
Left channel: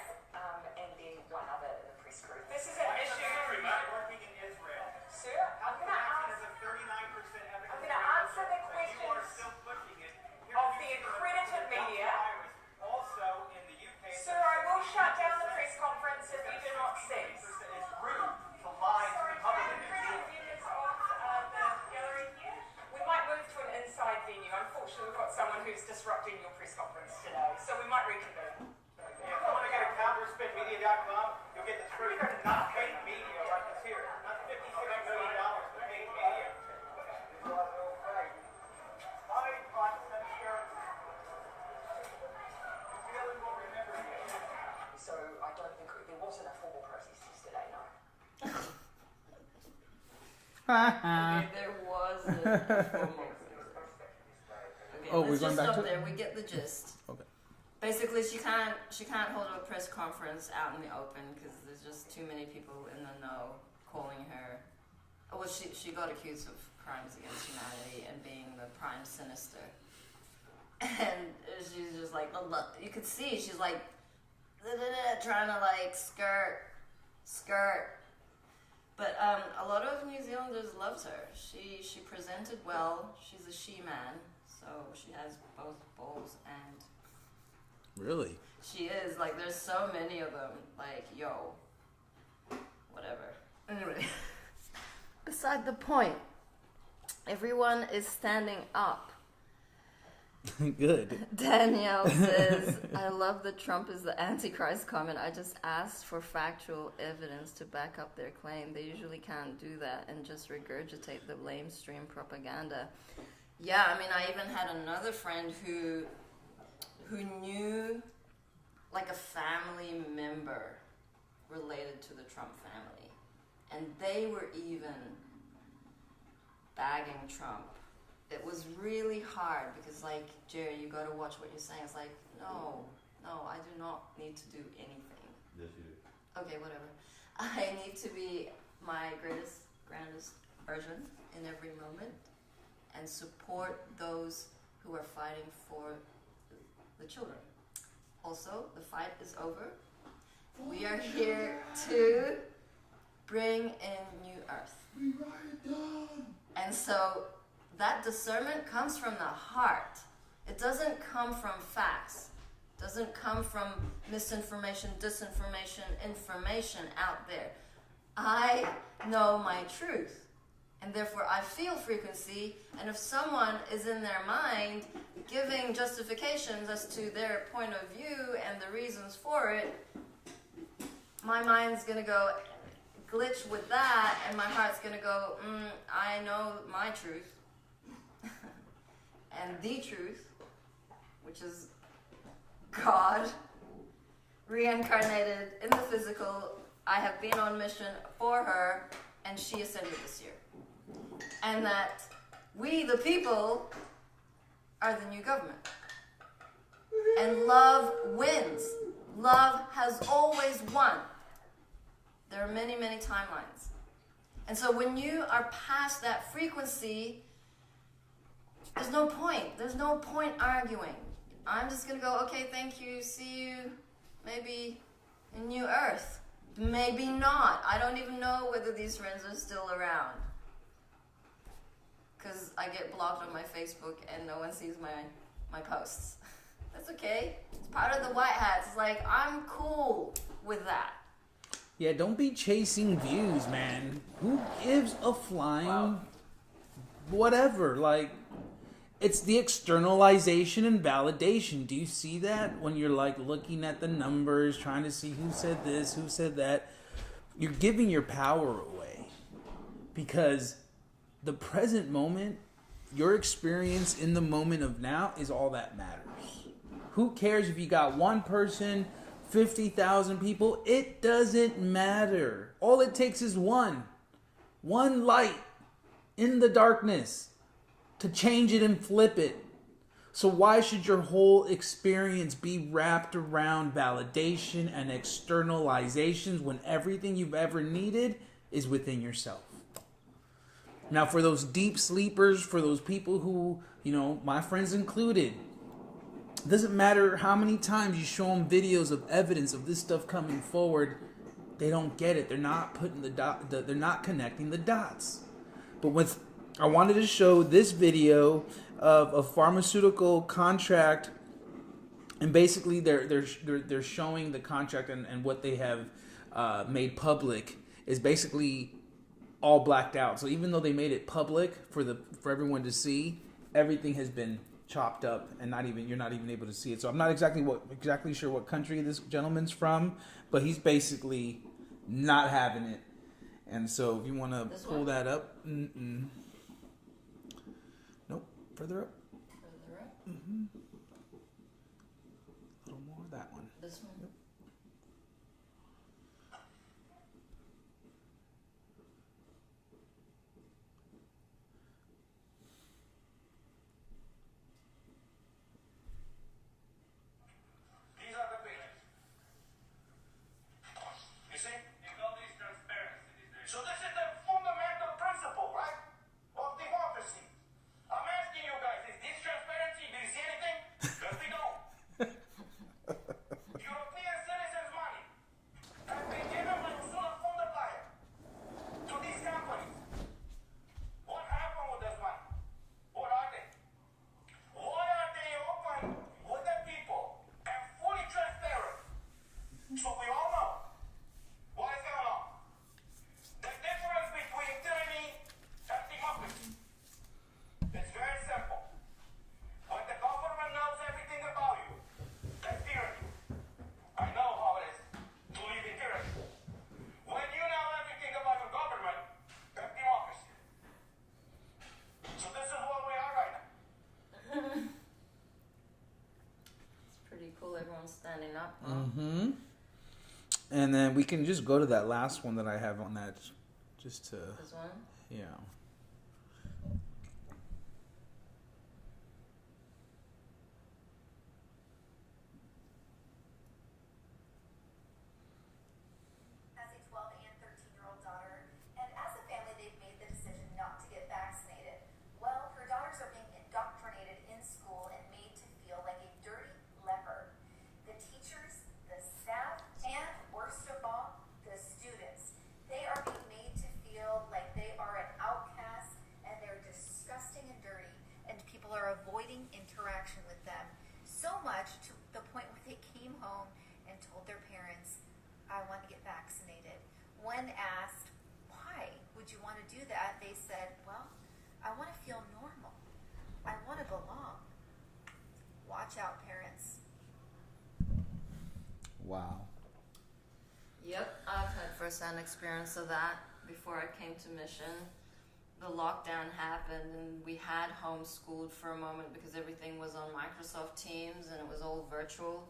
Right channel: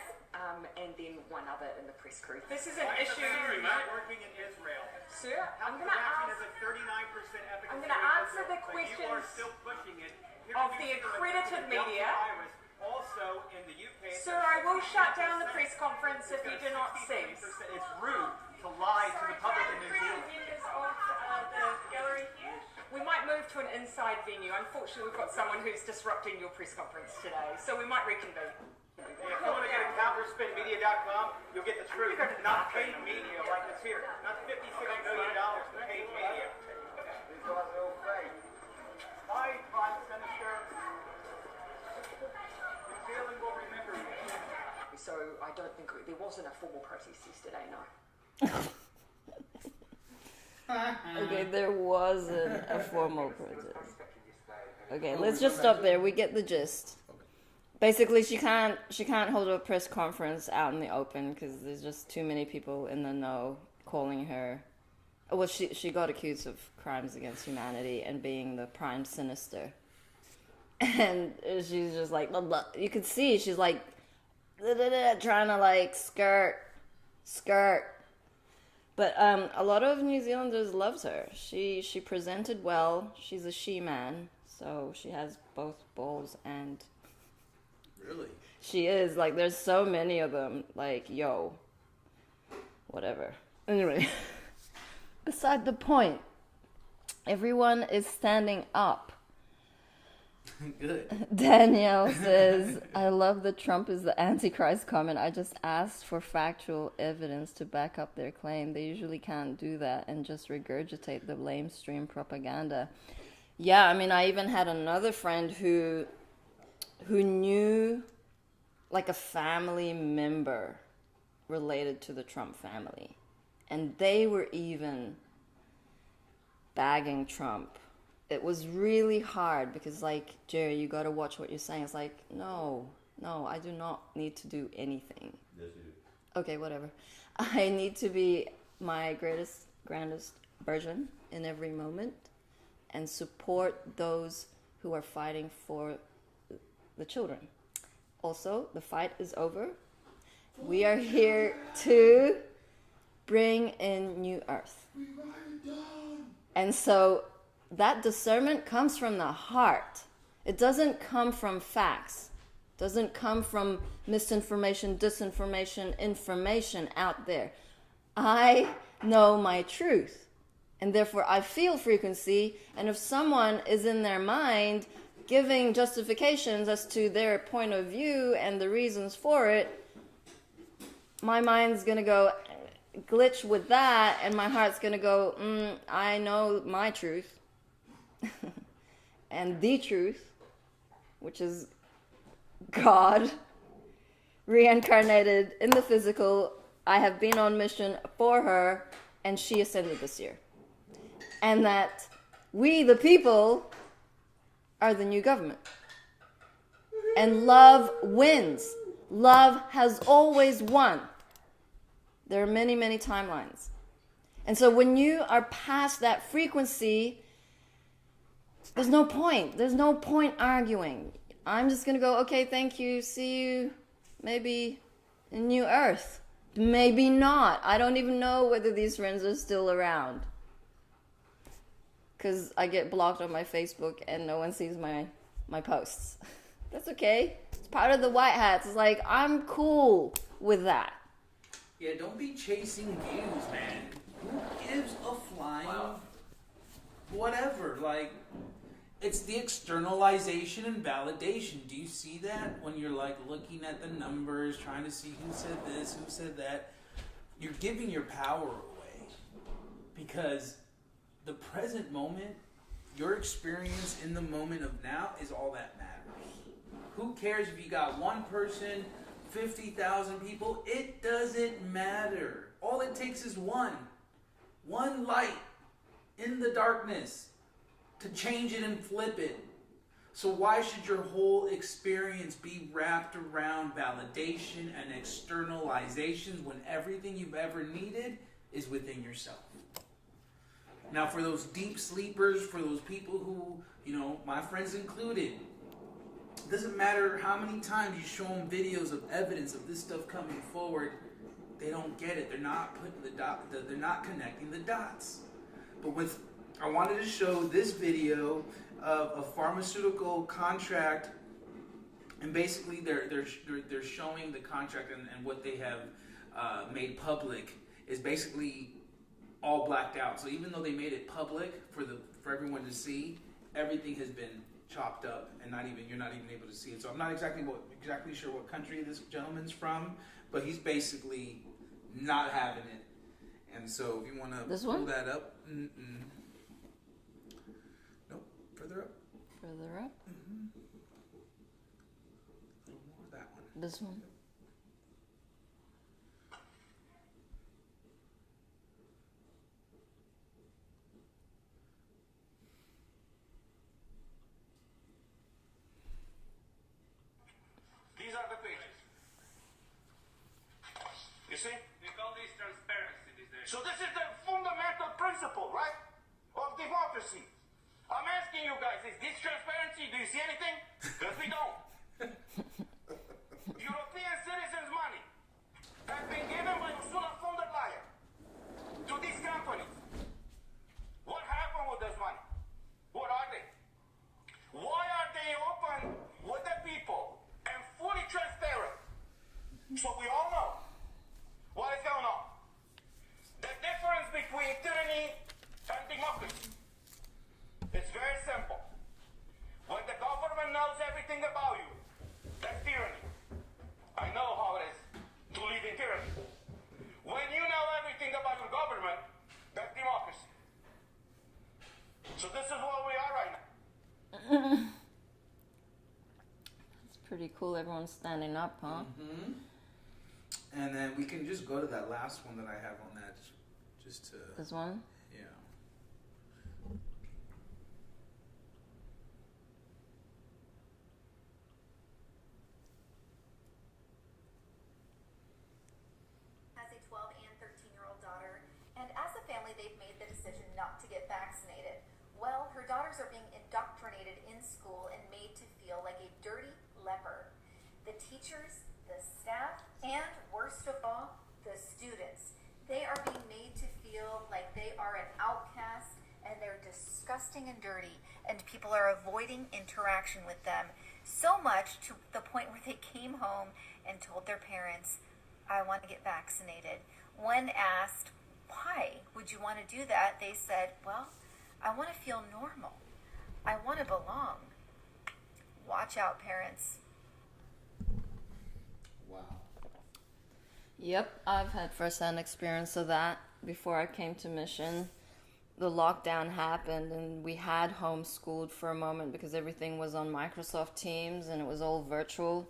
if you do not cease. It's rude to lie to the public in New Zealand. The gallery here. We might move to an inside venue. Unfortunately, we've got someone who's disrupting your press conference today, so we might reconvene. Yeah, if you want to get a counterspinmedia.com, you'll get the truth. Not paid media like this here. Not $56 million to paid media. These are all fake. Hi, Prime Minister. New Zealand will remember you. So I don't think there wasn't a formal protest yesterday, no. Okay, there wasn't a formal protest. Okay, Oh, let's we're just going back stop to there. We get the gist. Okay. Basically, she can't hold a press conference out in the open because there's just too many people in the know calling her. Well, she got accused of crimes against humanity and being the prime sinister, and she's just like, blah, blah. You could see she's like trying to like skirt. But a lot of New Zealanders loves her. She presented well. She's a she-man, so she has both balls and. Really? She is. Like, there's so many of them. Like, yo. Whatever. Anyway. Beside the point. Everyone is standing up. Good. Danielle says, I love that Trump is the Antichrist comment. I just asked for factual evidence to back up their claim. They usually can't do that and just regurgitate the lamestream propaganda. Yeah, I mean, I even had another friend who knew like a family member related to the Trump family. And they were even bagging Trump. It was really hard because, like, Jerry, you got to watch what you're saying. It's like, no, I do not need to do anything. Yes, you do. Okay, whatever. I need to be my grandest version in every moment and support those who are fighting for the children. Also, the fight is over. We are here to bring in new earth. And so that discernment comes from the heart. It doesn't come from facts. It doesn't come from misinformation, disinformation, information out there. I know my truth. And therefore I feel frequency. And if someone is in their mind giving justifications as to their point of view and the reasons for it, my mind's going to go glitch with that, and my heart's going to go, I know my truth. And the truth, which is God, reincarnated in the physical. I have been on mission for her, and she ascended this year. And that we, the people, are the new government. And love wins. Love has always won. There are many, many timelines. And so when you are past that frequency, there's no point. There's no point arguing. I'm just going to go, okay, thank you, see you, maybe in New Earth. Maybe not. I don't even know whether these friends are still around. Because I get blocked on my Facebook and no one sees my posts. That's okay. It's part of the white hats. It's like, I'm cool with that. Yeah, don't be chasing views, man. Who gives a flying whatever? Like, it's the externalization and validation. Do you see that? When you're like looking at the numbers, trying to see who said this, who said that, you're giving your power away. Because the present moment, your experience in the moment of now is all that matters. Who cares if you got one person, 50,000 people? It doesn't matter. All it takes is one light in the darkness to change it and flip it. So why should your whole experience be wrapped around validation and externalizations when everything you've ever needed is within yourself? Now, for those deep sleepers, for those people who, my friends included, it doesn't matter how many times you show them videos of evidence of this stuff coming forward, they don't get it. They're not putting they're not connecting the dots. But I wanted to show this video of a pharmaceutical contract, and basically they're showing the contract and what they have made public is basically all blacked out. So even though they made it public for everyone to see, everything has been chopped up and you're not even able to see it. So I'm not exactly sure what country this gentleman's from, but he's basically not having it. And so if you want to pull that up, nope, further up. Further up. A little more. That one. This one. Yep. These are the pages. You see? They call this transparency these days. So this is the fundamental principle, right? Of democracy. I'm asking you guys, is this transparency? Do you see anything? Because we don't. European citizens' money has been given by Ursula von der Leyen to these companies. What happened with this money? What are they? Why are they open with the people and fully transparent? So we all know what is going on. The difference between tyranny and democracy. It's very simple. When the government knows everything about you, that's tyranny. I know how it is to live in tyranny. When you know everything about your government, that's democracy. So this is where we are right now. It's pretty cool. Everyone's standing up, huh? And then we can just go to that last one that I have on that, just to This one. yeah. Has a 12 and 13-year-old daughter, and as a family, they've made the decision not to get vaccinated. Well, her daughters are being indoctrinated in school and made to feel like a dirty leper. The teachers, the staff, and worst of all, the students. They are being made to feel like they are an outcast and they're disgusting and dirty, and people are avoiding interaction with them. So much to the point where they came home and told their parents, I want to get vaccinated. When asked, why would you want to do that? They said, well, I want to feel normal. I want to belong. Watch out, parents. Wow. Yep, I've had first-hand experience of that before I came to Mission. The lockdown happened and we had homeschooled for a moment because everything was on Microsoft Teams and it was all virtual.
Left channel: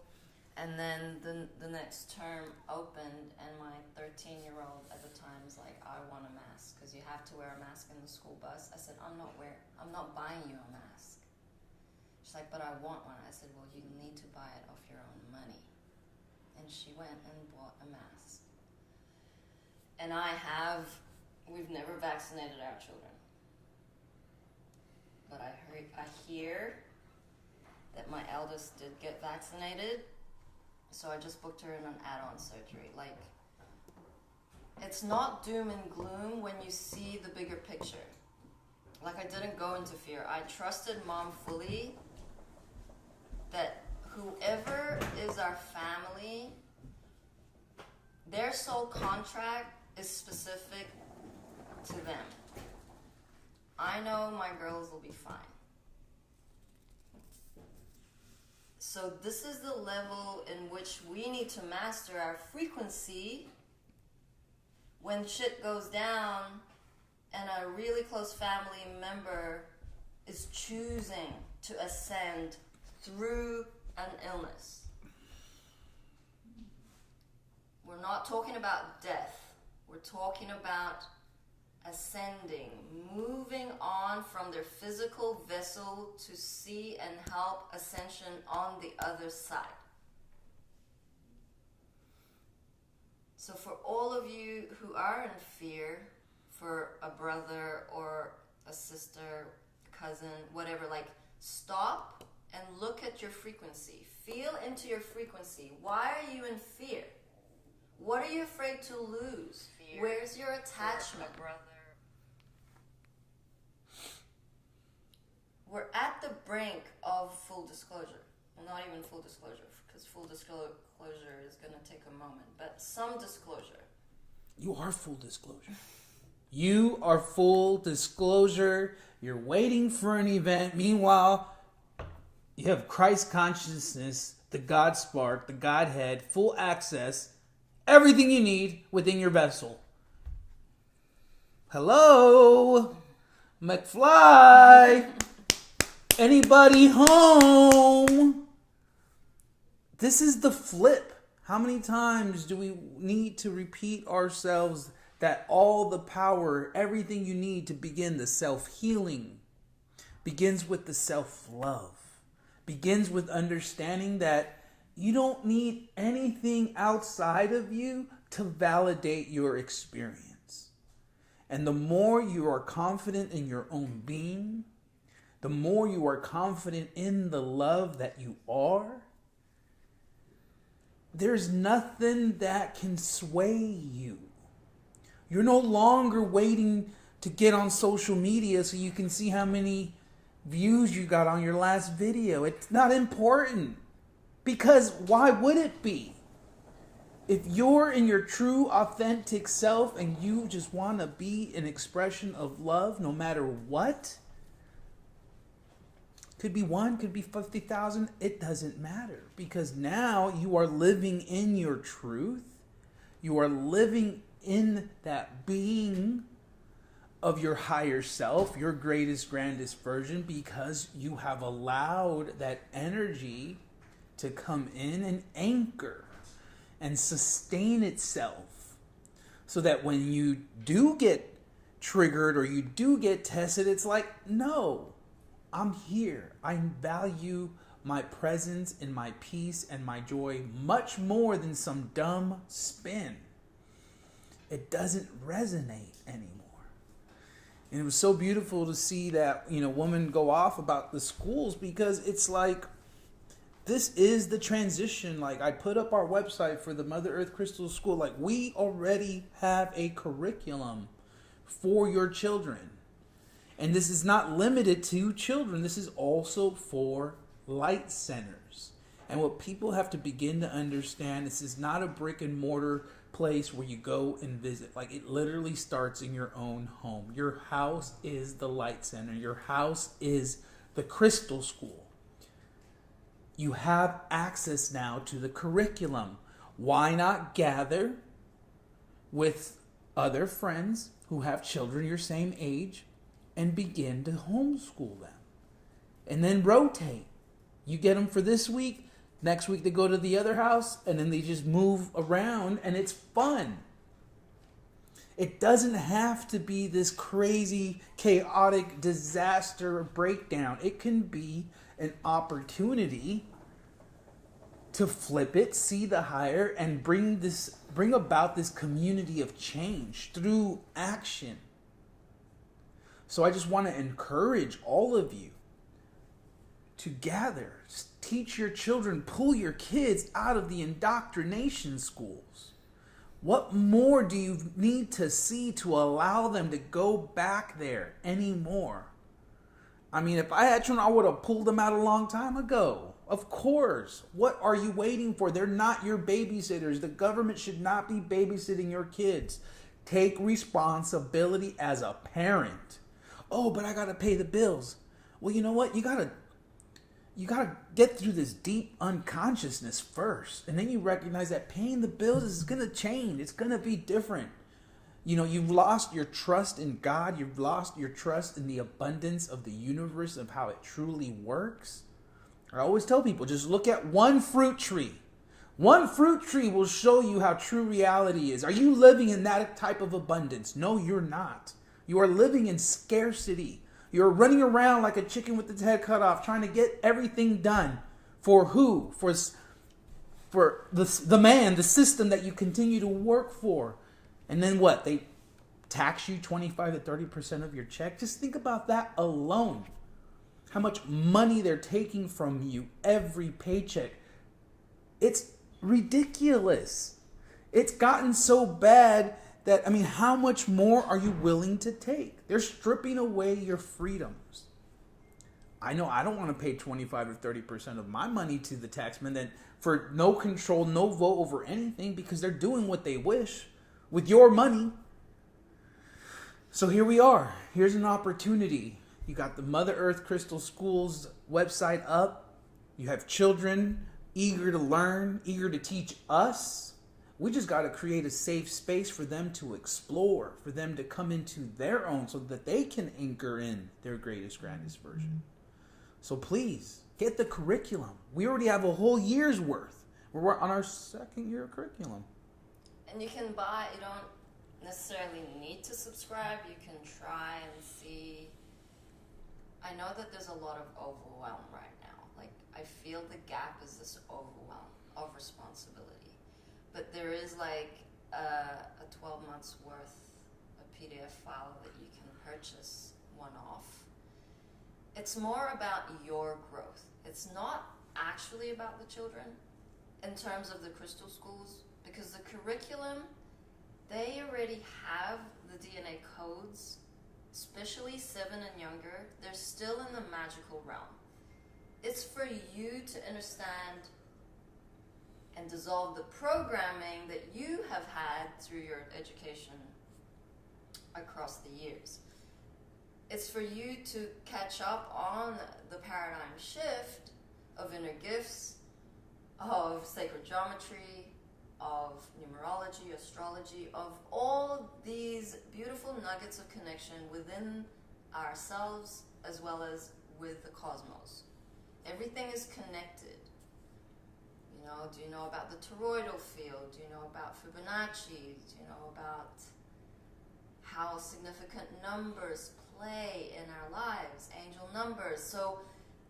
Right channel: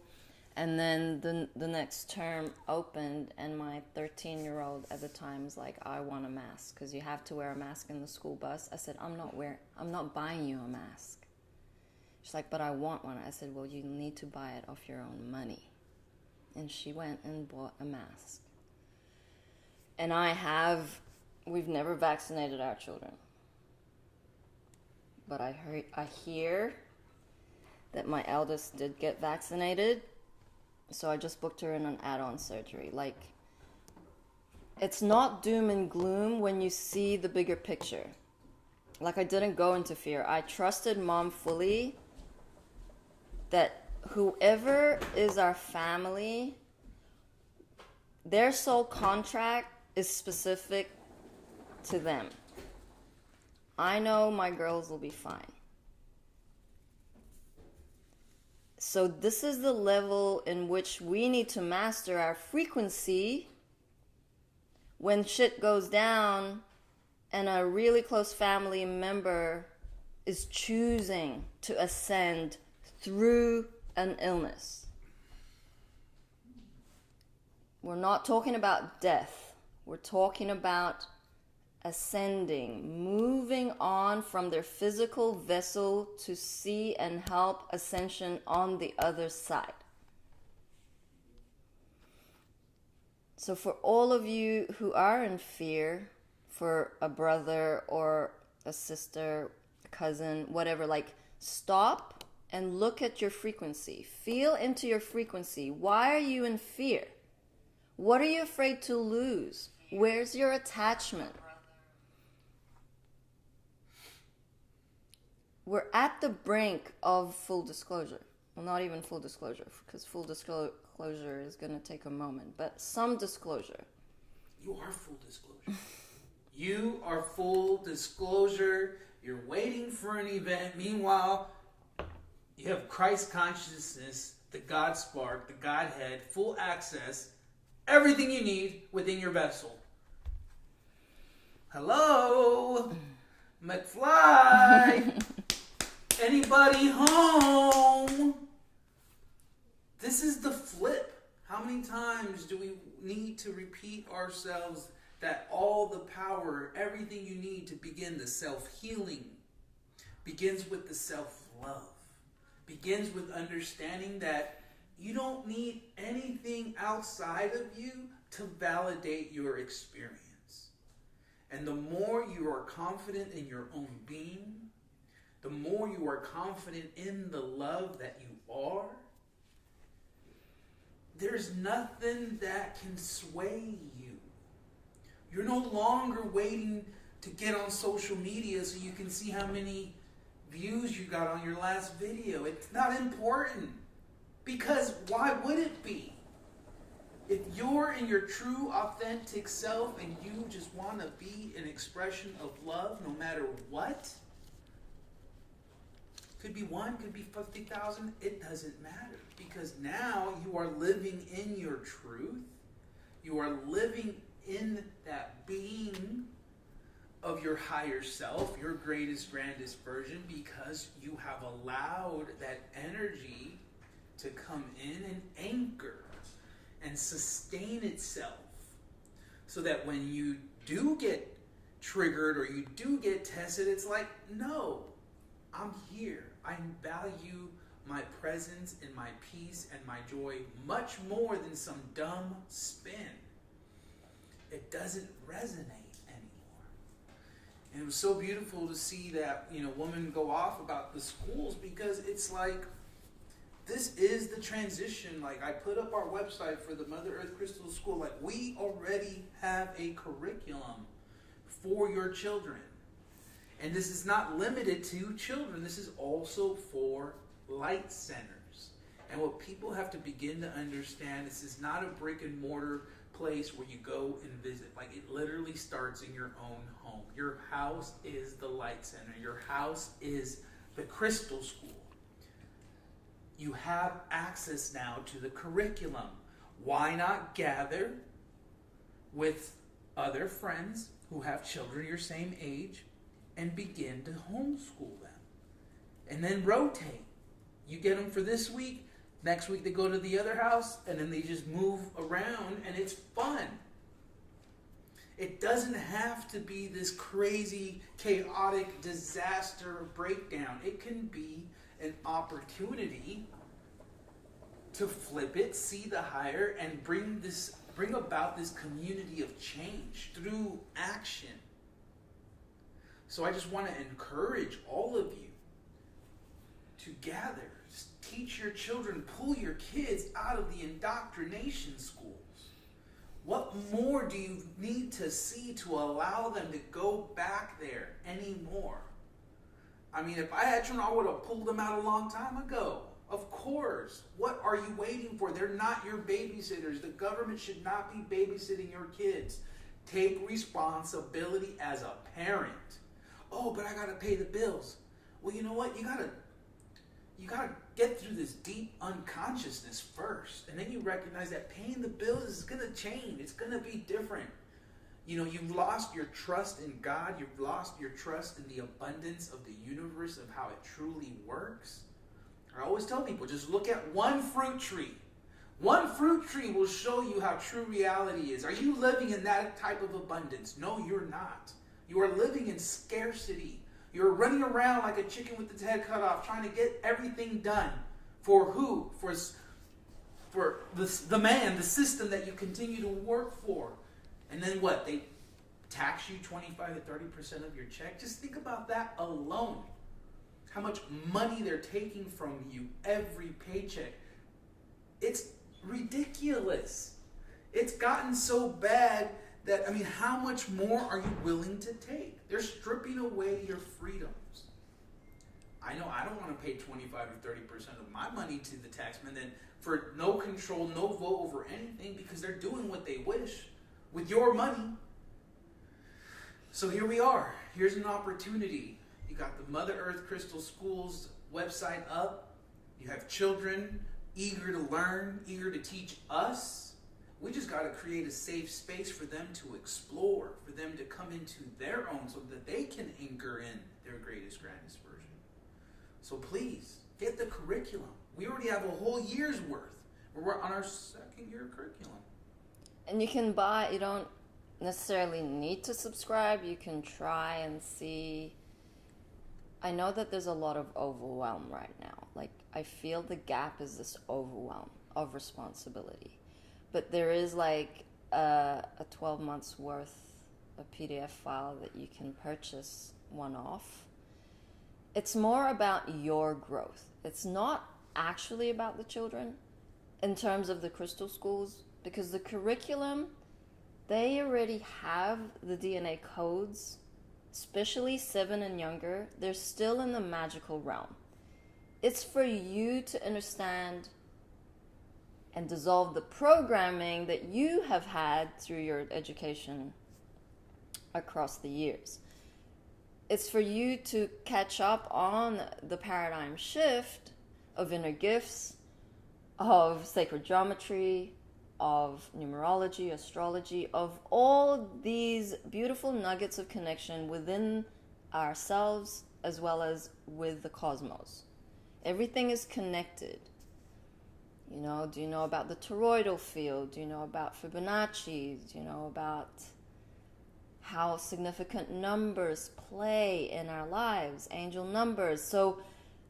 And then the next term opened and my 13-year-old at the time was like, I want a mask because you have to wear a mask in the school bus. I said, I'm not buying you a mask. She's like, but I want one. I said, well, you need to buy it off your own money. And she went and bought a mask. And we've never vaccinated our children. But I hear that my eldest did get vaccinated. So I just booked her in an add-on surgery. Like, it's not doom and gloom when you see the bigger picture. Like, I didn't go into fear. I trusted Mom fully that whoever is our family, their sole contract is specific to them. I know my girls will be fine. So this is the level in which we need to master our frequency when shit goes down and a really close family member is choosing to ascend through an illness. We're not talking about death. We're talking about ascending, moving on from their physical vessel to see and help ascension on the other side. So for all of you who are in fear for a brother or a sister, cousin, whatever, like, stop and look at your frequency. Feel into your frequency. Why are you in fear? What are you afraid to lose? Where's your attachment? We're at the brink of full disclosure. well, not even full disclosure, because full disclosure is going to take a moment, but some disclosure. You are full disclosure. You are full disclosure. You're waiting for an event. Meanwhile, you have Christ consciousness, the God spark, the Godhead, full access, everything you need within your vessel. Hello, McFly. Anybody home? This is the flip. How many times do we need to repeat ourselves that all the power, everything you need to begin the self-healing begins with the self-love, begins with understanding that you don't need anything outside of you to validate your experience. And the more you are confident in your own being, the more you are confident in the love that you are, there's nothing that can sway you. You're no longer waiting to get on social media so you can see how many views you got on your last video. It's not important. Because why would it be? If you're in your true, authentic self and you just want to be an expression of love no matter what, could be 1, could be 50,000, it doesn't matter. Because now you are living in your truth. You are living in that being of your higher self, your greatest, grandest version, because you have allowed that energy to come in and anchor and sustain itself, so that when you do get triggered or you do get tested, it's like, no, I'm here. I value my presence and my peace and my joy much more than some dumb spin. It doesn't resonate anymore. And it was so beautiful to see that, woman go off about the schools, because it's like, this is the transition. Like, I put up our website for the Mother Earth Crystal School. Like, we already have a curriculum for your children. And this is not limited to children. This is also for light centers. And what people have to begin to understand, this is not a brick and mortar place where you go and visit. Like, it literally starts in your own home. Your house is the light center. Your house is the crystal school. You have access now to the curriculum. Why not gather with other friends who have children your same age and begin to homeschool them? And then rotate. You get them for this week, next week they go to the other house, and then they just move around, and it's fun. It doesn't have to be this crazy, chaotic disaster breakdown. It can be an opportunity to flip it, see the higher, and bring about this community of change through action. So I just want to encourage all of you to gather, teach your children, pull your kids out of the indoctrination schools. What more do you need to see to allow them to go back there anymore? I mean, if I had children, I would have pulled them out a long time ago. Of course. What are you waiting for? They're not your babysitters. The government should not be babysitting your kids. Take responsibility as a parent. Oh, but I got to pay the bills. Well, you know what? You got to get through this deep unconsciousness first. And then you recognize that paying the bills is going to change. It's going to be different. You've lost your trust in God. You've lost your trust in the abundance of the universe, of how it truly works. I always tell people, just look at one fruit tree. One fruit tree will show you how true reality is. Are you living in that type of abundance? No, you're not. You are living in scarcity. You're running around like a chicken with its head cut off, trying to get everything done. For who? For the man, the system that you continue to work for. And then what? They tax you 25 to 30% of your check? Just think about that alone. How much money they're taking from you every paycheck. It's ridiculous. It's gotten so bad that, how much more are you willing to take? They're stripping away your freedoms. I know I don't want to pay 25 or 30% of my money to the taxman then for no control, no vote over anything because they're doing what they wish with your money. So here we are. Here's an opportunity. You got the Mother Earth Crystal Schools website up. You have children eager to learn, eager to teach us. We just got to create a safe space for them to explore, for them to come into their own so that they can anchor in their greatest, grandest version. So please, get the curriculum. We already have a whole year's worth. We're on our second year of curriculum. And you can buy, you don't necessarily need to subscribe. You can try and see. I know that there's a lot of overwhelm right now. Like, I feel the gap is this overwhelm of responsibility. But there is like a 12 months worth of PDF file that you can purchase one off. It's more about your growth. It's not actually about the children in terms of the crystal schools, because the curriculum, they already have the DNA codes, especially 7 and younger. They're still in the magical realm. It's for you to understand and dissolve the programming that you have had through your education across the years. It's for you to catch up on the paradigm shift of inner gifts, of sacred geometry, of numerology, astrology, of all these beautiful nuggets of connection within ourselves as well as with the cosmos. Everything is connected. You know, do you know about the toroidal field? Do you know about Fibonacci? Do you know about how significant numbers play in our lives, angel numbers? So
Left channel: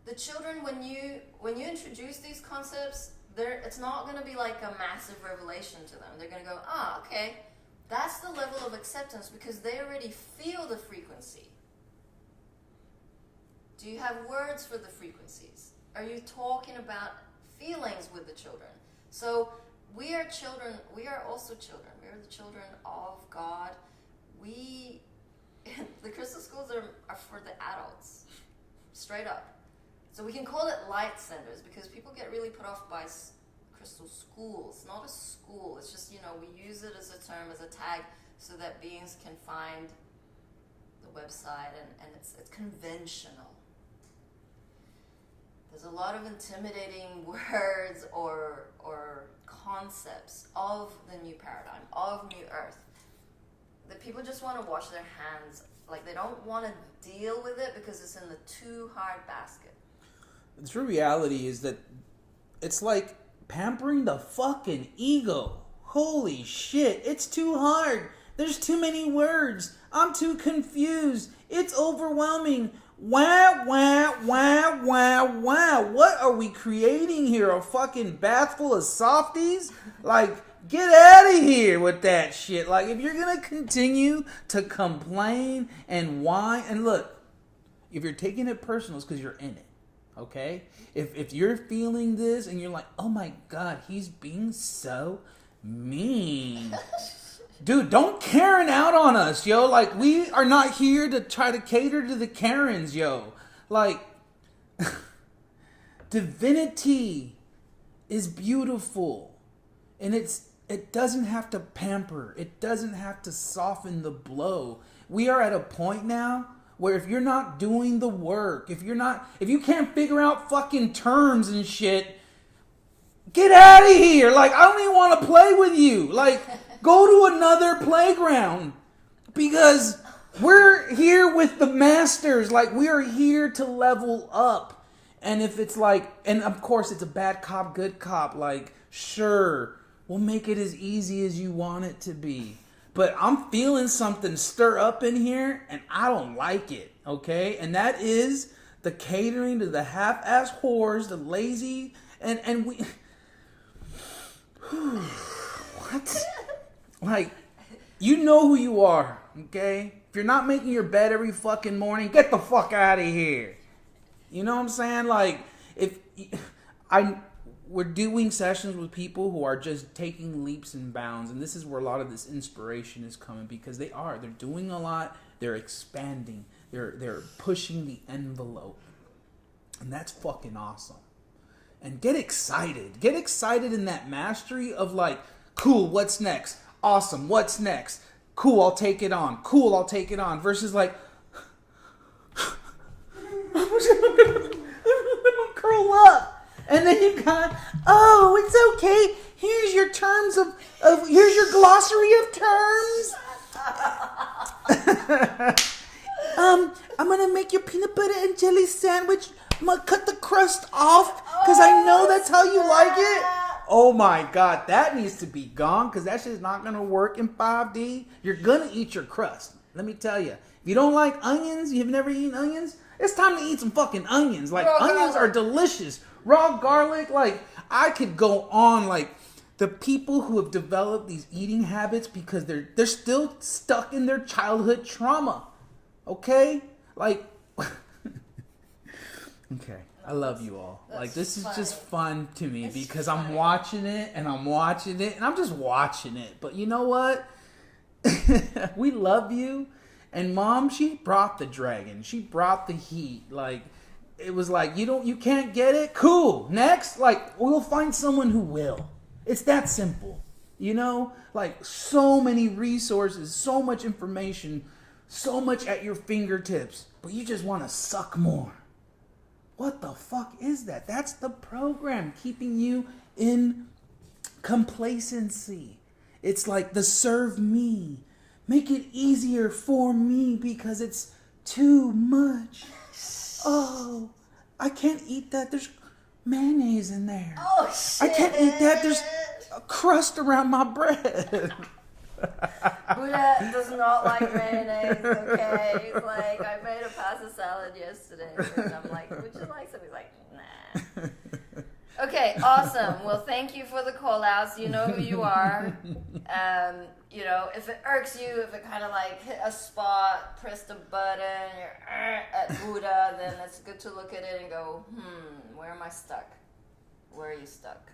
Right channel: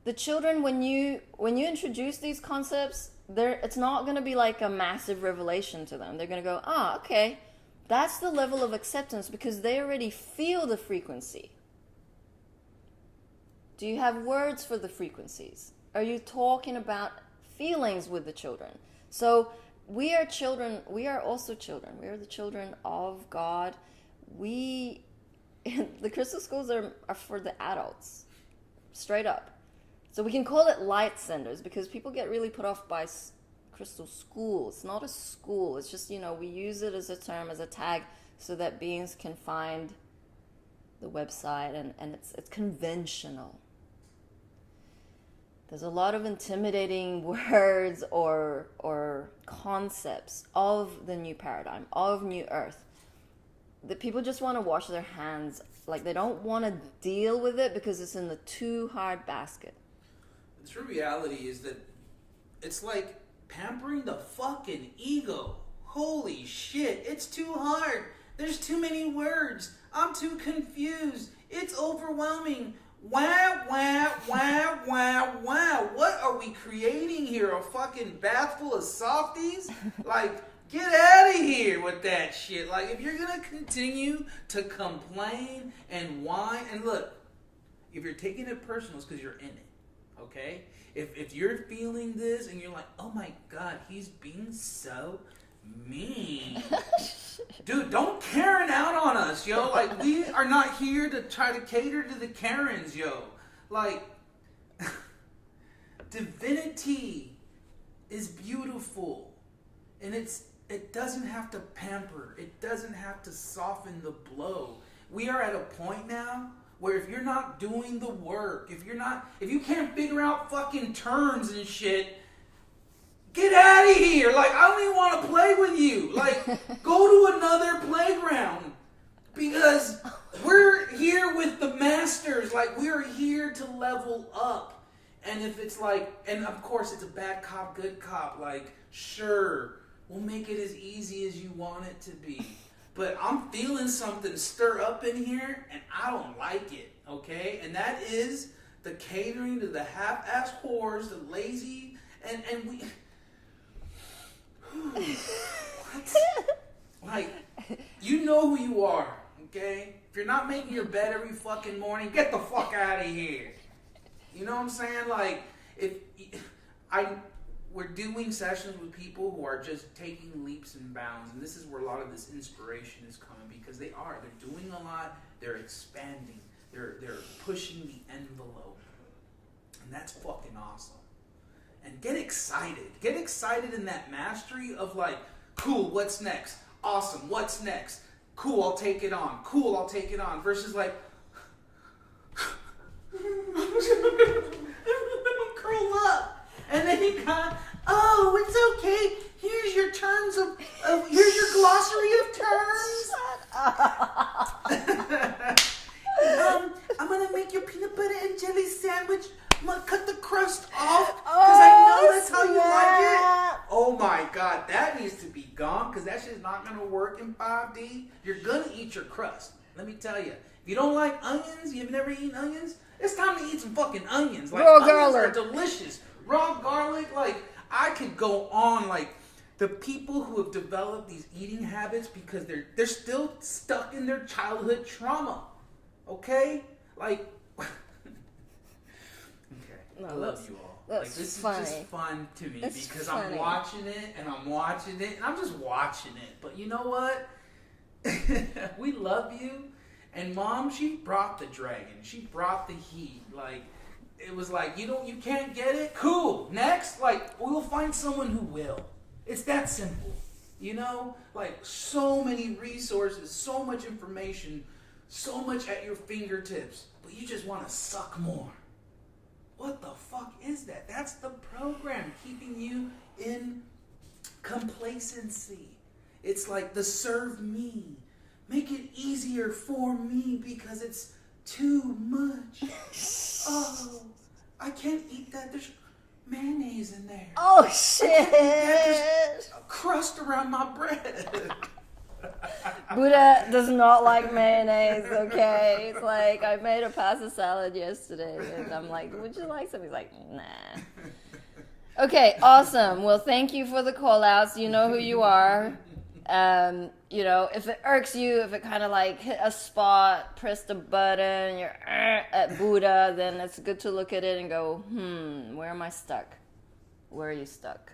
the children, when you introduce these concepts, it's not going to be like a massive revelation to them. They're going to go, okay, that's the level of acceptance because they already feel the frequency. Do you have words for the frequencies? Are you talking about feelings with the children? So we are children. We are also children. We are the children of God. The crystal schools are for the adults, straight up. So we can call it light senders because people get really put off by crystal school. It's not a school. It's just, we use it as a term, as a tag, so that beings can find the website and it's conventional. There's a lot of intimidating words or concepts of the new paradigm, of New Earth, that people just want to wash their hands. Like, they don't want to deal with it because it's in the too hard basket. The true reality is that it's like pampering the fucking ego. Holy shit, it's too hard. There's too many words. I'm too confused. It's overwhelming. Wow, wow, wow, wow, wow. What are we creating here? A fucking bath full of softies? Like, get out of here with that shit. Like, if you're going to continue to complain and whine, and look, if you're taking it personal, it's because you're in it. Okay? If you're feeling this and you're like, oh my God, he's being so mean. Dude, don't Karen out on us, yo. Like, we are not here to try to cater to the Karens, yo. Like, divinity is beautiful. And it doesn't have to pamper. It doesn't have to soften the blow. We are at a point now where if you're not doing the work, if you can't figure out fucking terms and shit, get out of here. Like, I don't even want to play with you. Like, go to another playground. Because we're here with the masters. Like, we are here to level up. And if it's like, and of course it's a bad cop, good cop. Like, sure, we'll make it as easy as you want it to be. But I'm feeling something stir up in here, and I don't like it, okay? And that is the catering to the half-ass whores, the lazy, and we... What? Like, you know who you are, okay? If you're not making your bed every fucking morning, get the fuck out of here. You know what I'm saying? Like, we're doing sessions with people who are just taking leaps and bounds, and this is where a lot of this inspiration is coming, because they're doing a lot, they're expanding, they're pushing the envelope, And that's fucking awesome. And get excited. Get excited in that mastery of like, cool, what's next? Awesome, what's next? Cool, I'll take it on. Cool, I'll take it on. Versus like, I'm gonna curl up. And then you got, oh, it's okay. Here's your terms of here's your glossary of terms. I'm gonna make your peanut butter and jelly sandwich. I'm gonna cut the crust off because I know that's how you like it. Oh my God, that needs to be gone because that shit's not gonna work in 5D. You're gonna eat your crust. Let me tell you. If you don't like onions, you've never eaten onions, it's time to eat some fucking onions. Like, onions are delicious. Raw garlic, like, I could go on, like, the people who have developed these eating habits because they're still stuck in their childhood trauma. Okay? Like, okay. I love you all. Like, this is just fun to me because I'm watching it and I'm just watching it. But you know what? We love you. And Mom, she brought the dragon. She brought the heat. Like, it was like, you can't get it? Cool. Next, like, we'll find someone who will. It's that simple. You know? Like, so many resources, so much information, so much at your fingertips. But you just want to suck more. What the fuck is that? That's the program keeping you in complacency. It's like the serve me. Make it easier for me because it's too much. Oh, I can't eat that. There's mayonnaise in there. Oh, shit. I can't eat that. There's a crust around my bread. Buddha does not like mayonnaise, okay? It's like, I made a pasta salad yesterday, and I'm like, would you like some? He's like, nah. Okay, awesome. Well, thank you for the call-outs. You know who you are. You know, if it irks you, if it kind of like hit a spot, press the button, you're at Buddha, then it's good to look at it and go, where am I stuck? Where are you stuck?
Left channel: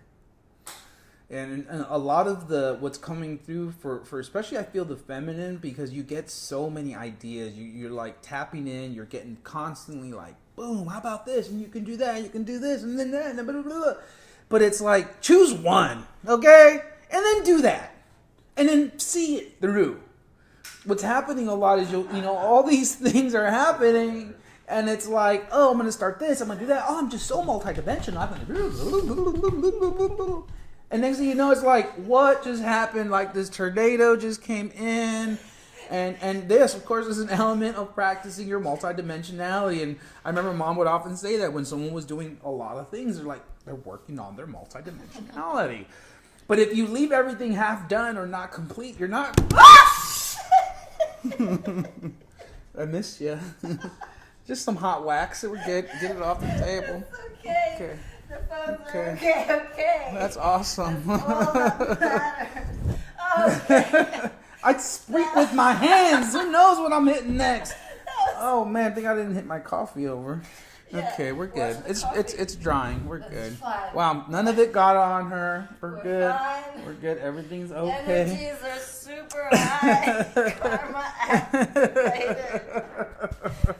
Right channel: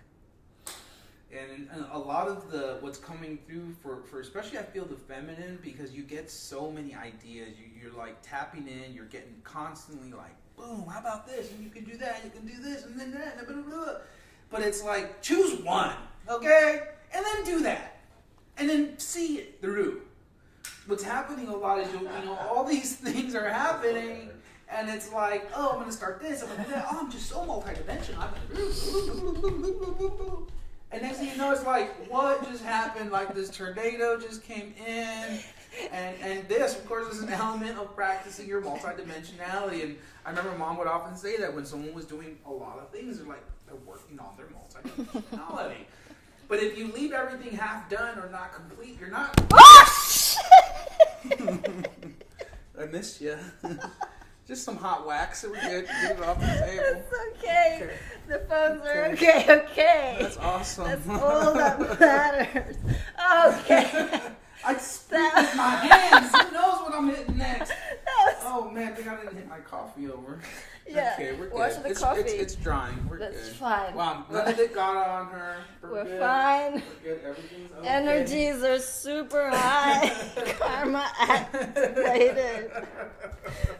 And a lot of what's coming through for especially I feel the feminine, because you get so many ideas. You're like tapping in, you're getting constantly like, boom, how about this? And you can do that, you can do this, and then that, and blah, blah, blah. But it's like, choose one, okay? And then do that. And then see it through. What's happening a lot is, you know, all these things are happening, and it's like, oh, I'm going to start this, I'm going to do that. Oh, I'm just so multidimensional. I'm going to... And next thing you know, it's like, what just happened? Like, this tornado just came in. And this, of course, is an element of practicing your multidimensionality. And I remember Mom would often say that when someone was doing a lot of things, they're working on their multidimensionality. But if you leave everything half done or not complete, you're not... I missed you. Just some hot wax. We're good. Get it off the table. It's okay. The phones are okay. That's awesome. That's all that matters. Okay. I speak with my hands. Who knows what I'm hitting next? Oh man, I think I didn't hit my coffee over. Yeah. Okay, we're good. It's drying. We're That's good. fine. Wow, none of it got on her. We're good. Fine. We're good. Everything's okay. Energies are super high. Karma activated.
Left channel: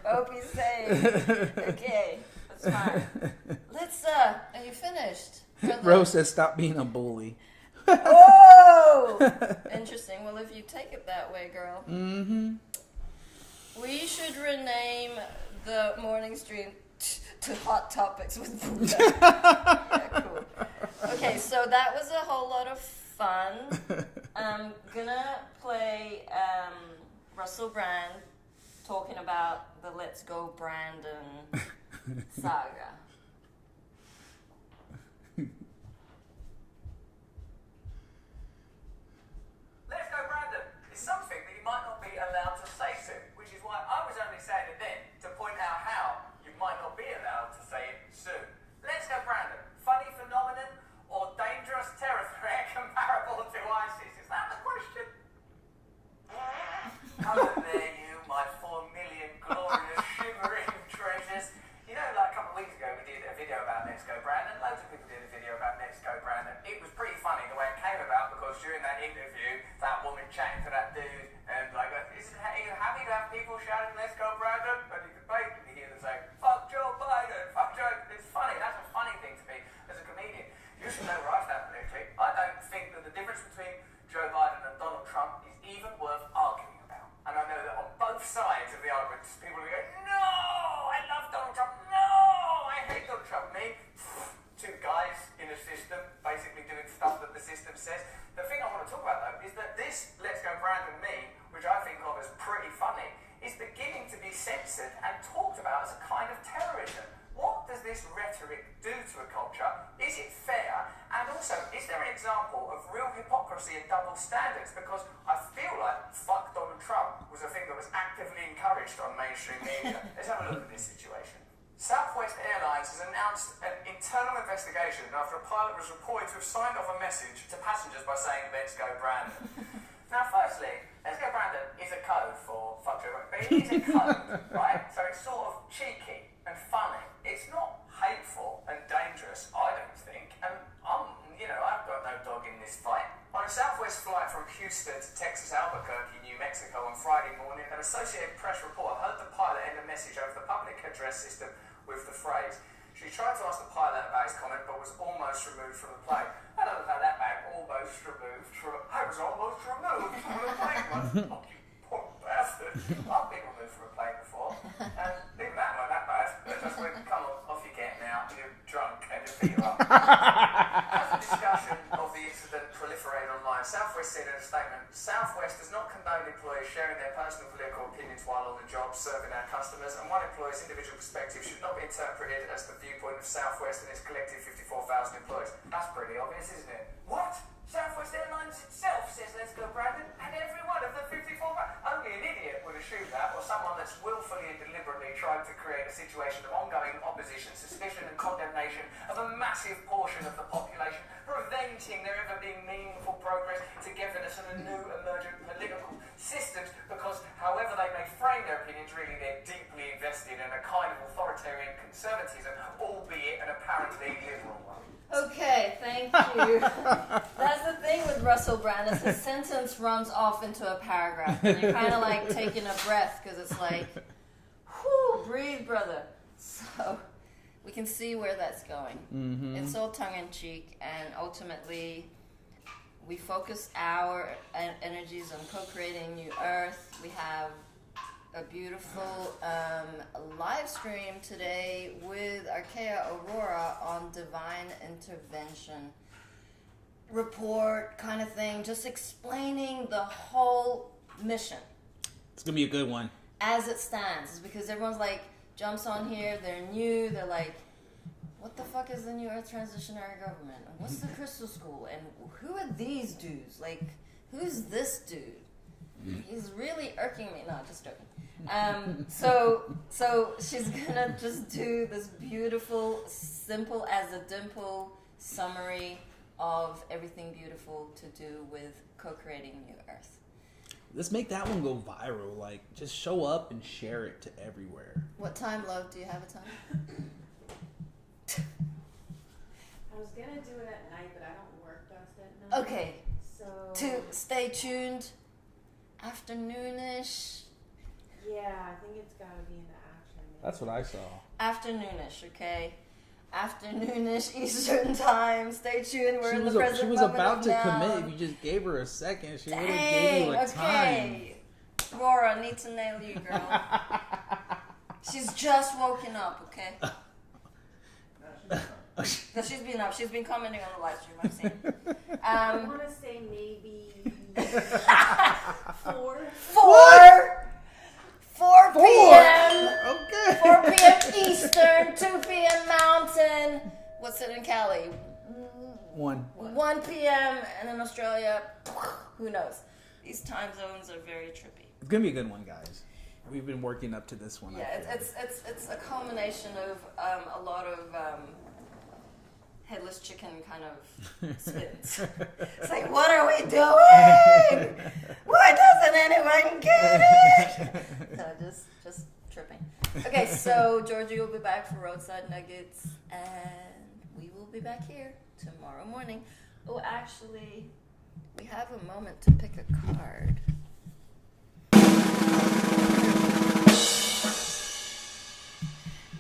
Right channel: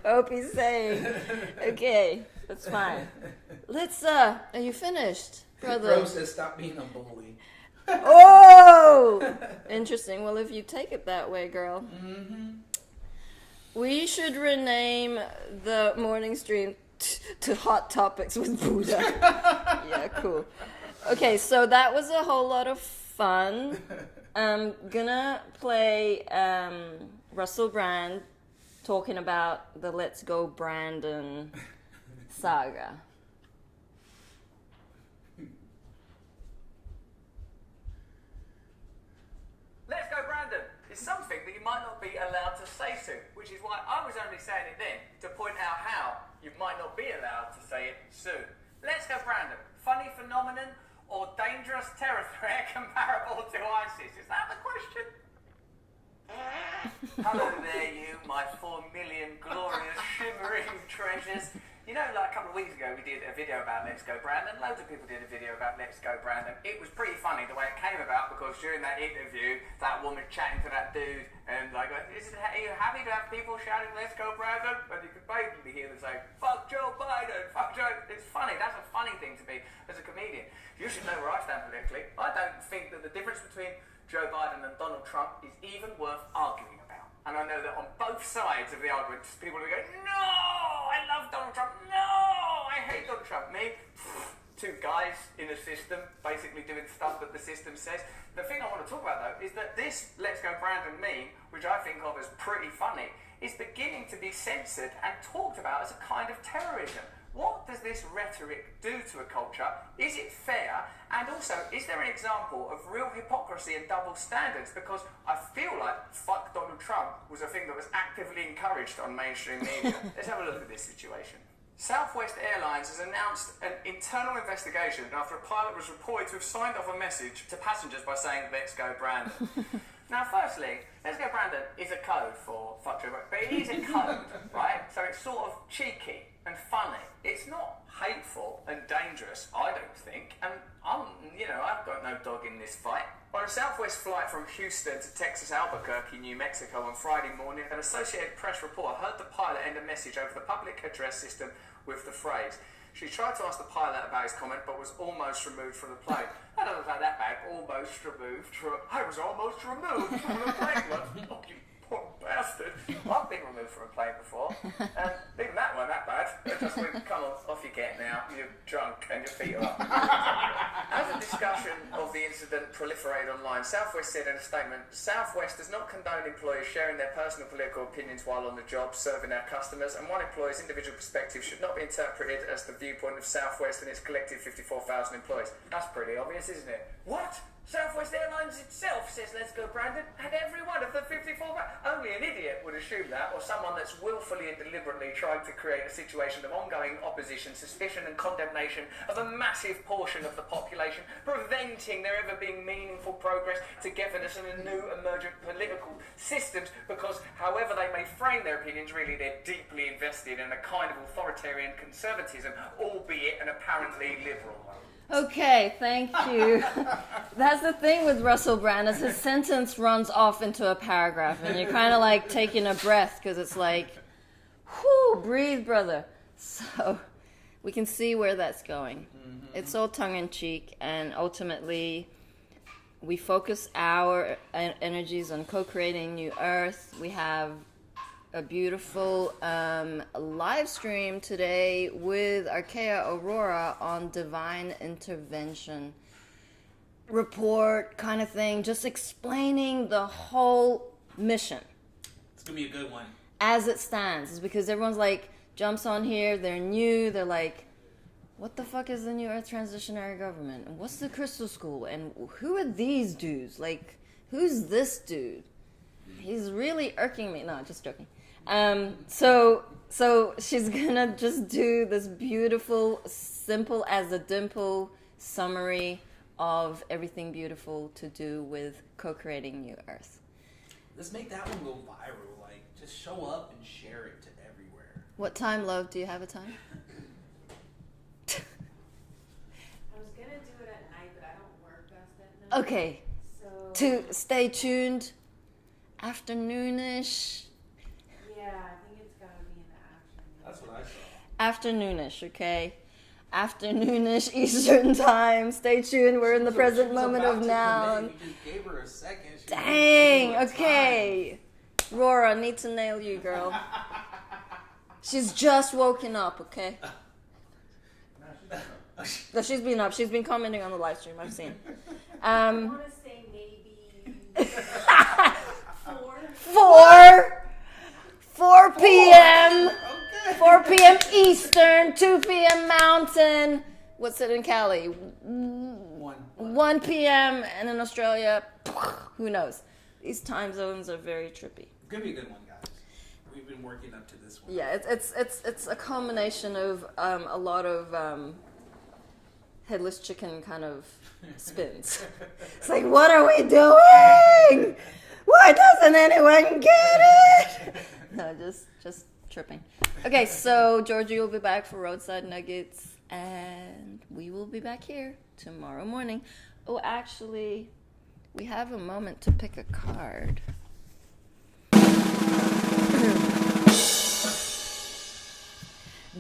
Hope he's safe. Okay, that's fine. Let's. Are you finished? Rose says, "Stop being a bully." Oh, interesting. Well, if you take it that way, girl. Mm-hmm. We should rename the morning stream to Hot Topics with Buddha. Yeah, cool. Okay, so that was a whole lot of fun. I'm gonna play Russell Brand talking about the Let's Go Brandon saga. Let's Go Brandon is something that you might not be allowed to say soon, which is why I was only saying it then to point out how you might not be allowed to say it soon. Let's Go Brandon, funny phenomenon or dangerous terror threat comparable to ISIS? Is that the question? Hello there, you, my 4 million glorious shimmering treasures. You know, like a couple of weeks ago, we did a video about Let's Go Brandon. Loads of people did a video about Let's Go Brandon. It was pretty funny the way it came about, because during that interview, that woman chatting to that dude, and like, are you happy to have people shouting Let's Go Brandon? And you could basically hear them saying, fuck Joe Biden, fuck Joe. think that the difference between Joe Biden and Donald Trump is even worth arguing about. And I know that on both sides of the argument, people will go, no, I love Donald Trump, no, I hate Donald Trump. Me, two guys in a system basically doing stuff that the system says. The thing I want to talk about though is that this Let's Go Brandon meme, which I think of as pretty funny, is beginning to be censored and talked about as a kind of terrorism. What does this rhetoric do to a culture? Is it fair? And also, is there an example of real hypocrisy and double standards? Because I feel like fuck Donald Trump was a thing that was actively encouraged on mainstream media. Let's have a look at this situation. Southwest Airlines has announced an internal investigation after a pilot was reported to have signed off a message to passengers by saying, let's go Brandon. Now, firstly, let's go Brandon is a code for fuck Joe Biden, but it is a code, right? So it's sort of cheeky and funny. It's not hateful and dangerous, I don't think. And I've got no dog in this fight. On a Southwest flight from Houston to Texas Albuquerque, New Mexico on Friday morning, an Associated Press reporter heard the pilot end a message over the public address system with the phrase. She tried to ask the pilot about his comment, but was almost removed from the plane. I don't know about that bad. Almost removed. I was almost removed from the plane once. Oh, you poor bastard. I've been removed from a plane before. And even that wasn't that bad. It just went, come on, off you get now. You're drunk and your feet are up. As the discussion of the incident proliferated online, Southwest said in a statement, Southwest does not condone employees sharing their personal political opinions while on the job serving our customers, and one employee's individual perspective should not be interpreted as the viewpoint of Southwest and its collective 54,000 employees. That's pretty obvious, isn't it? What? Southwest Airlines itself says let's go Brandon, and every one of the 54,000. Only an idiot would assume that, or someone that's willfully and deliberately trying to create a situation of ongoing opposition, suspicion and condemnation of a massive portion of the population, preventing there ever being meaningful progress, togetherness and a new emergent political systems, because however they may frame their opinions, really they're deeply invested in a kind of authoritarian conservatism, albeit an apparently liberal one. Okay, thank you. That's the thing with Russell Brand, is his sentence runs off into a paragraph, and you're kind of like taking a breath, because it's like, whew, breathe, brother. So we can see where that's going. Mm-hmm. It's all tongue-in-cheek, and ultimately we focus our energies on co-creating New Earth. We have a beautiful live stream today with Arkea Aurora on divine intervention report kind of thing, just explaining the whole mission. It's gonna be a good one as it stands. It's because everyone's like jumps on here, they're new, they're like, what the fuck is the New Earth Transitionary Government, and what's the Crystal School, and who are these dudes, like who's this dude? He's really irking me. No, just joking. So she's gonna just do this beautiful, simple as a dimple summary of everything beautiful to do with co-creating New Earth. Let's make that one go viral. Like, just show up and share it to everywhere. What time, love? Do you have a time? I was gonna do it at night, but I don't work best at night. Okay. So to stay tuned, afternoonish. Yeah, I think it's gotta be in the afternoon. That's what I saw. Afternoonish, okay? Afternoonish Eastern time. Stay tuned. We're in the present moment of now. You just gave her a second. She Dang. really gave you a Okay. time. Rora, need to nail you, girl. She's just woken up, okay? No, she's been up. She's been commenting on the live stream. I've seen. I want to say maybe 4 p.m. Okay. 4 p.m. Eastern, 2 p.m. Mountain. What's it in Cali? 1 p.m. and in Australia, who knows? These time zones are very trippy. It's gonna be a good one, guys. We've been working up to this one. Yeah, it's a combination of a lot of headless chicken kind of spins. It's like, what are we doing? Why doesn't anyone get it? No, just tripping. Okay, so Georgie will be back for Roadside Nuggets, and we will be back here tomorrow morning. Oh, actually, we have a moment to pick a card.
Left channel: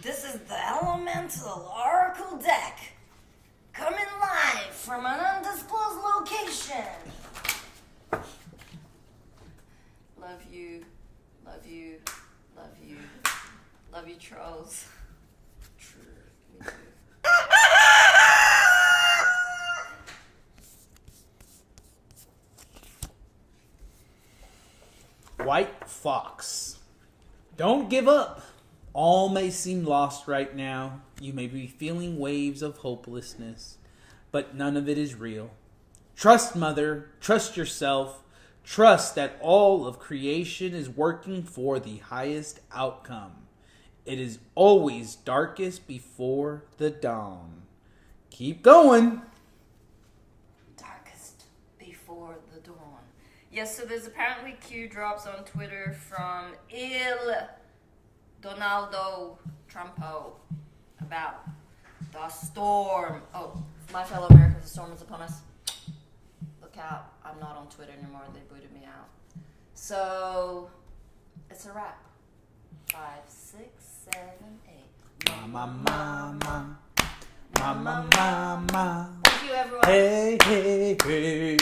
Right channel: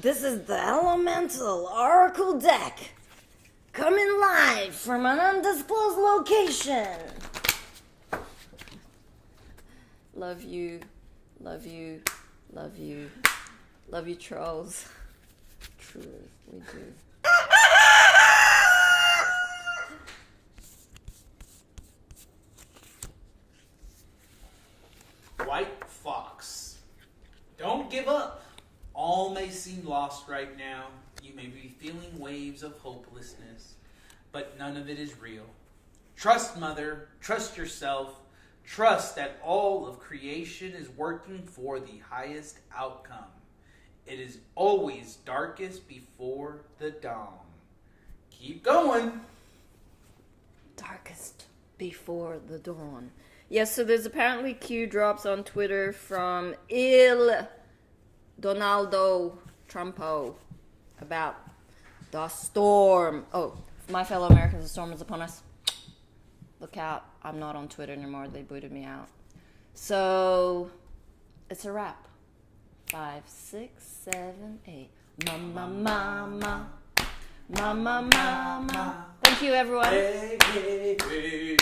This is the Elemental Oracle deck. Coming live from an undisclosed location. Love you, love you, love you, love you, trolls. True, we do. White Fox. Don't give up. All may seem lost right now. You may be feeling waves of hopelessness, but none of it is real. Trust, Mother. Trust yourself. Trust that all of creation is working for the highest outcome. It is always darkest before the dawn. Keep going. Darkest before the dawn. Yes, so there's apparently Q drops on Twitter from Il Donaldo Trumpo about the storm. Oh, my fellow Americans, the storm is upon us. Look out. I'm not on Twitter anymore. They booted me out. So, it's a wrap. 5, 6, 7, 8. Mama, mama. Mama, mama. Thank you, everyone. Hey, hey, hey.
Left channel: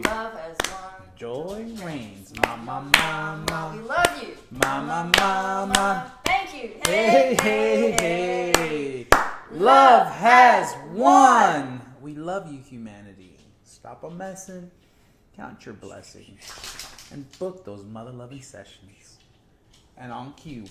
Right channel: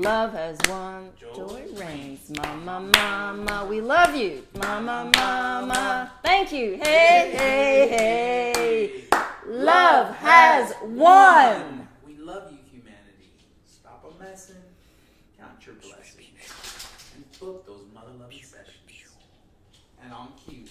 Love has won. Joy reigns. Mama, mama. We love you. Mama, mama. Thank you. Hey, hey, hey. Love has won. We love you, humanity. Stop a messing. Count your blessings. And book those mother-loving sessions. And on cue.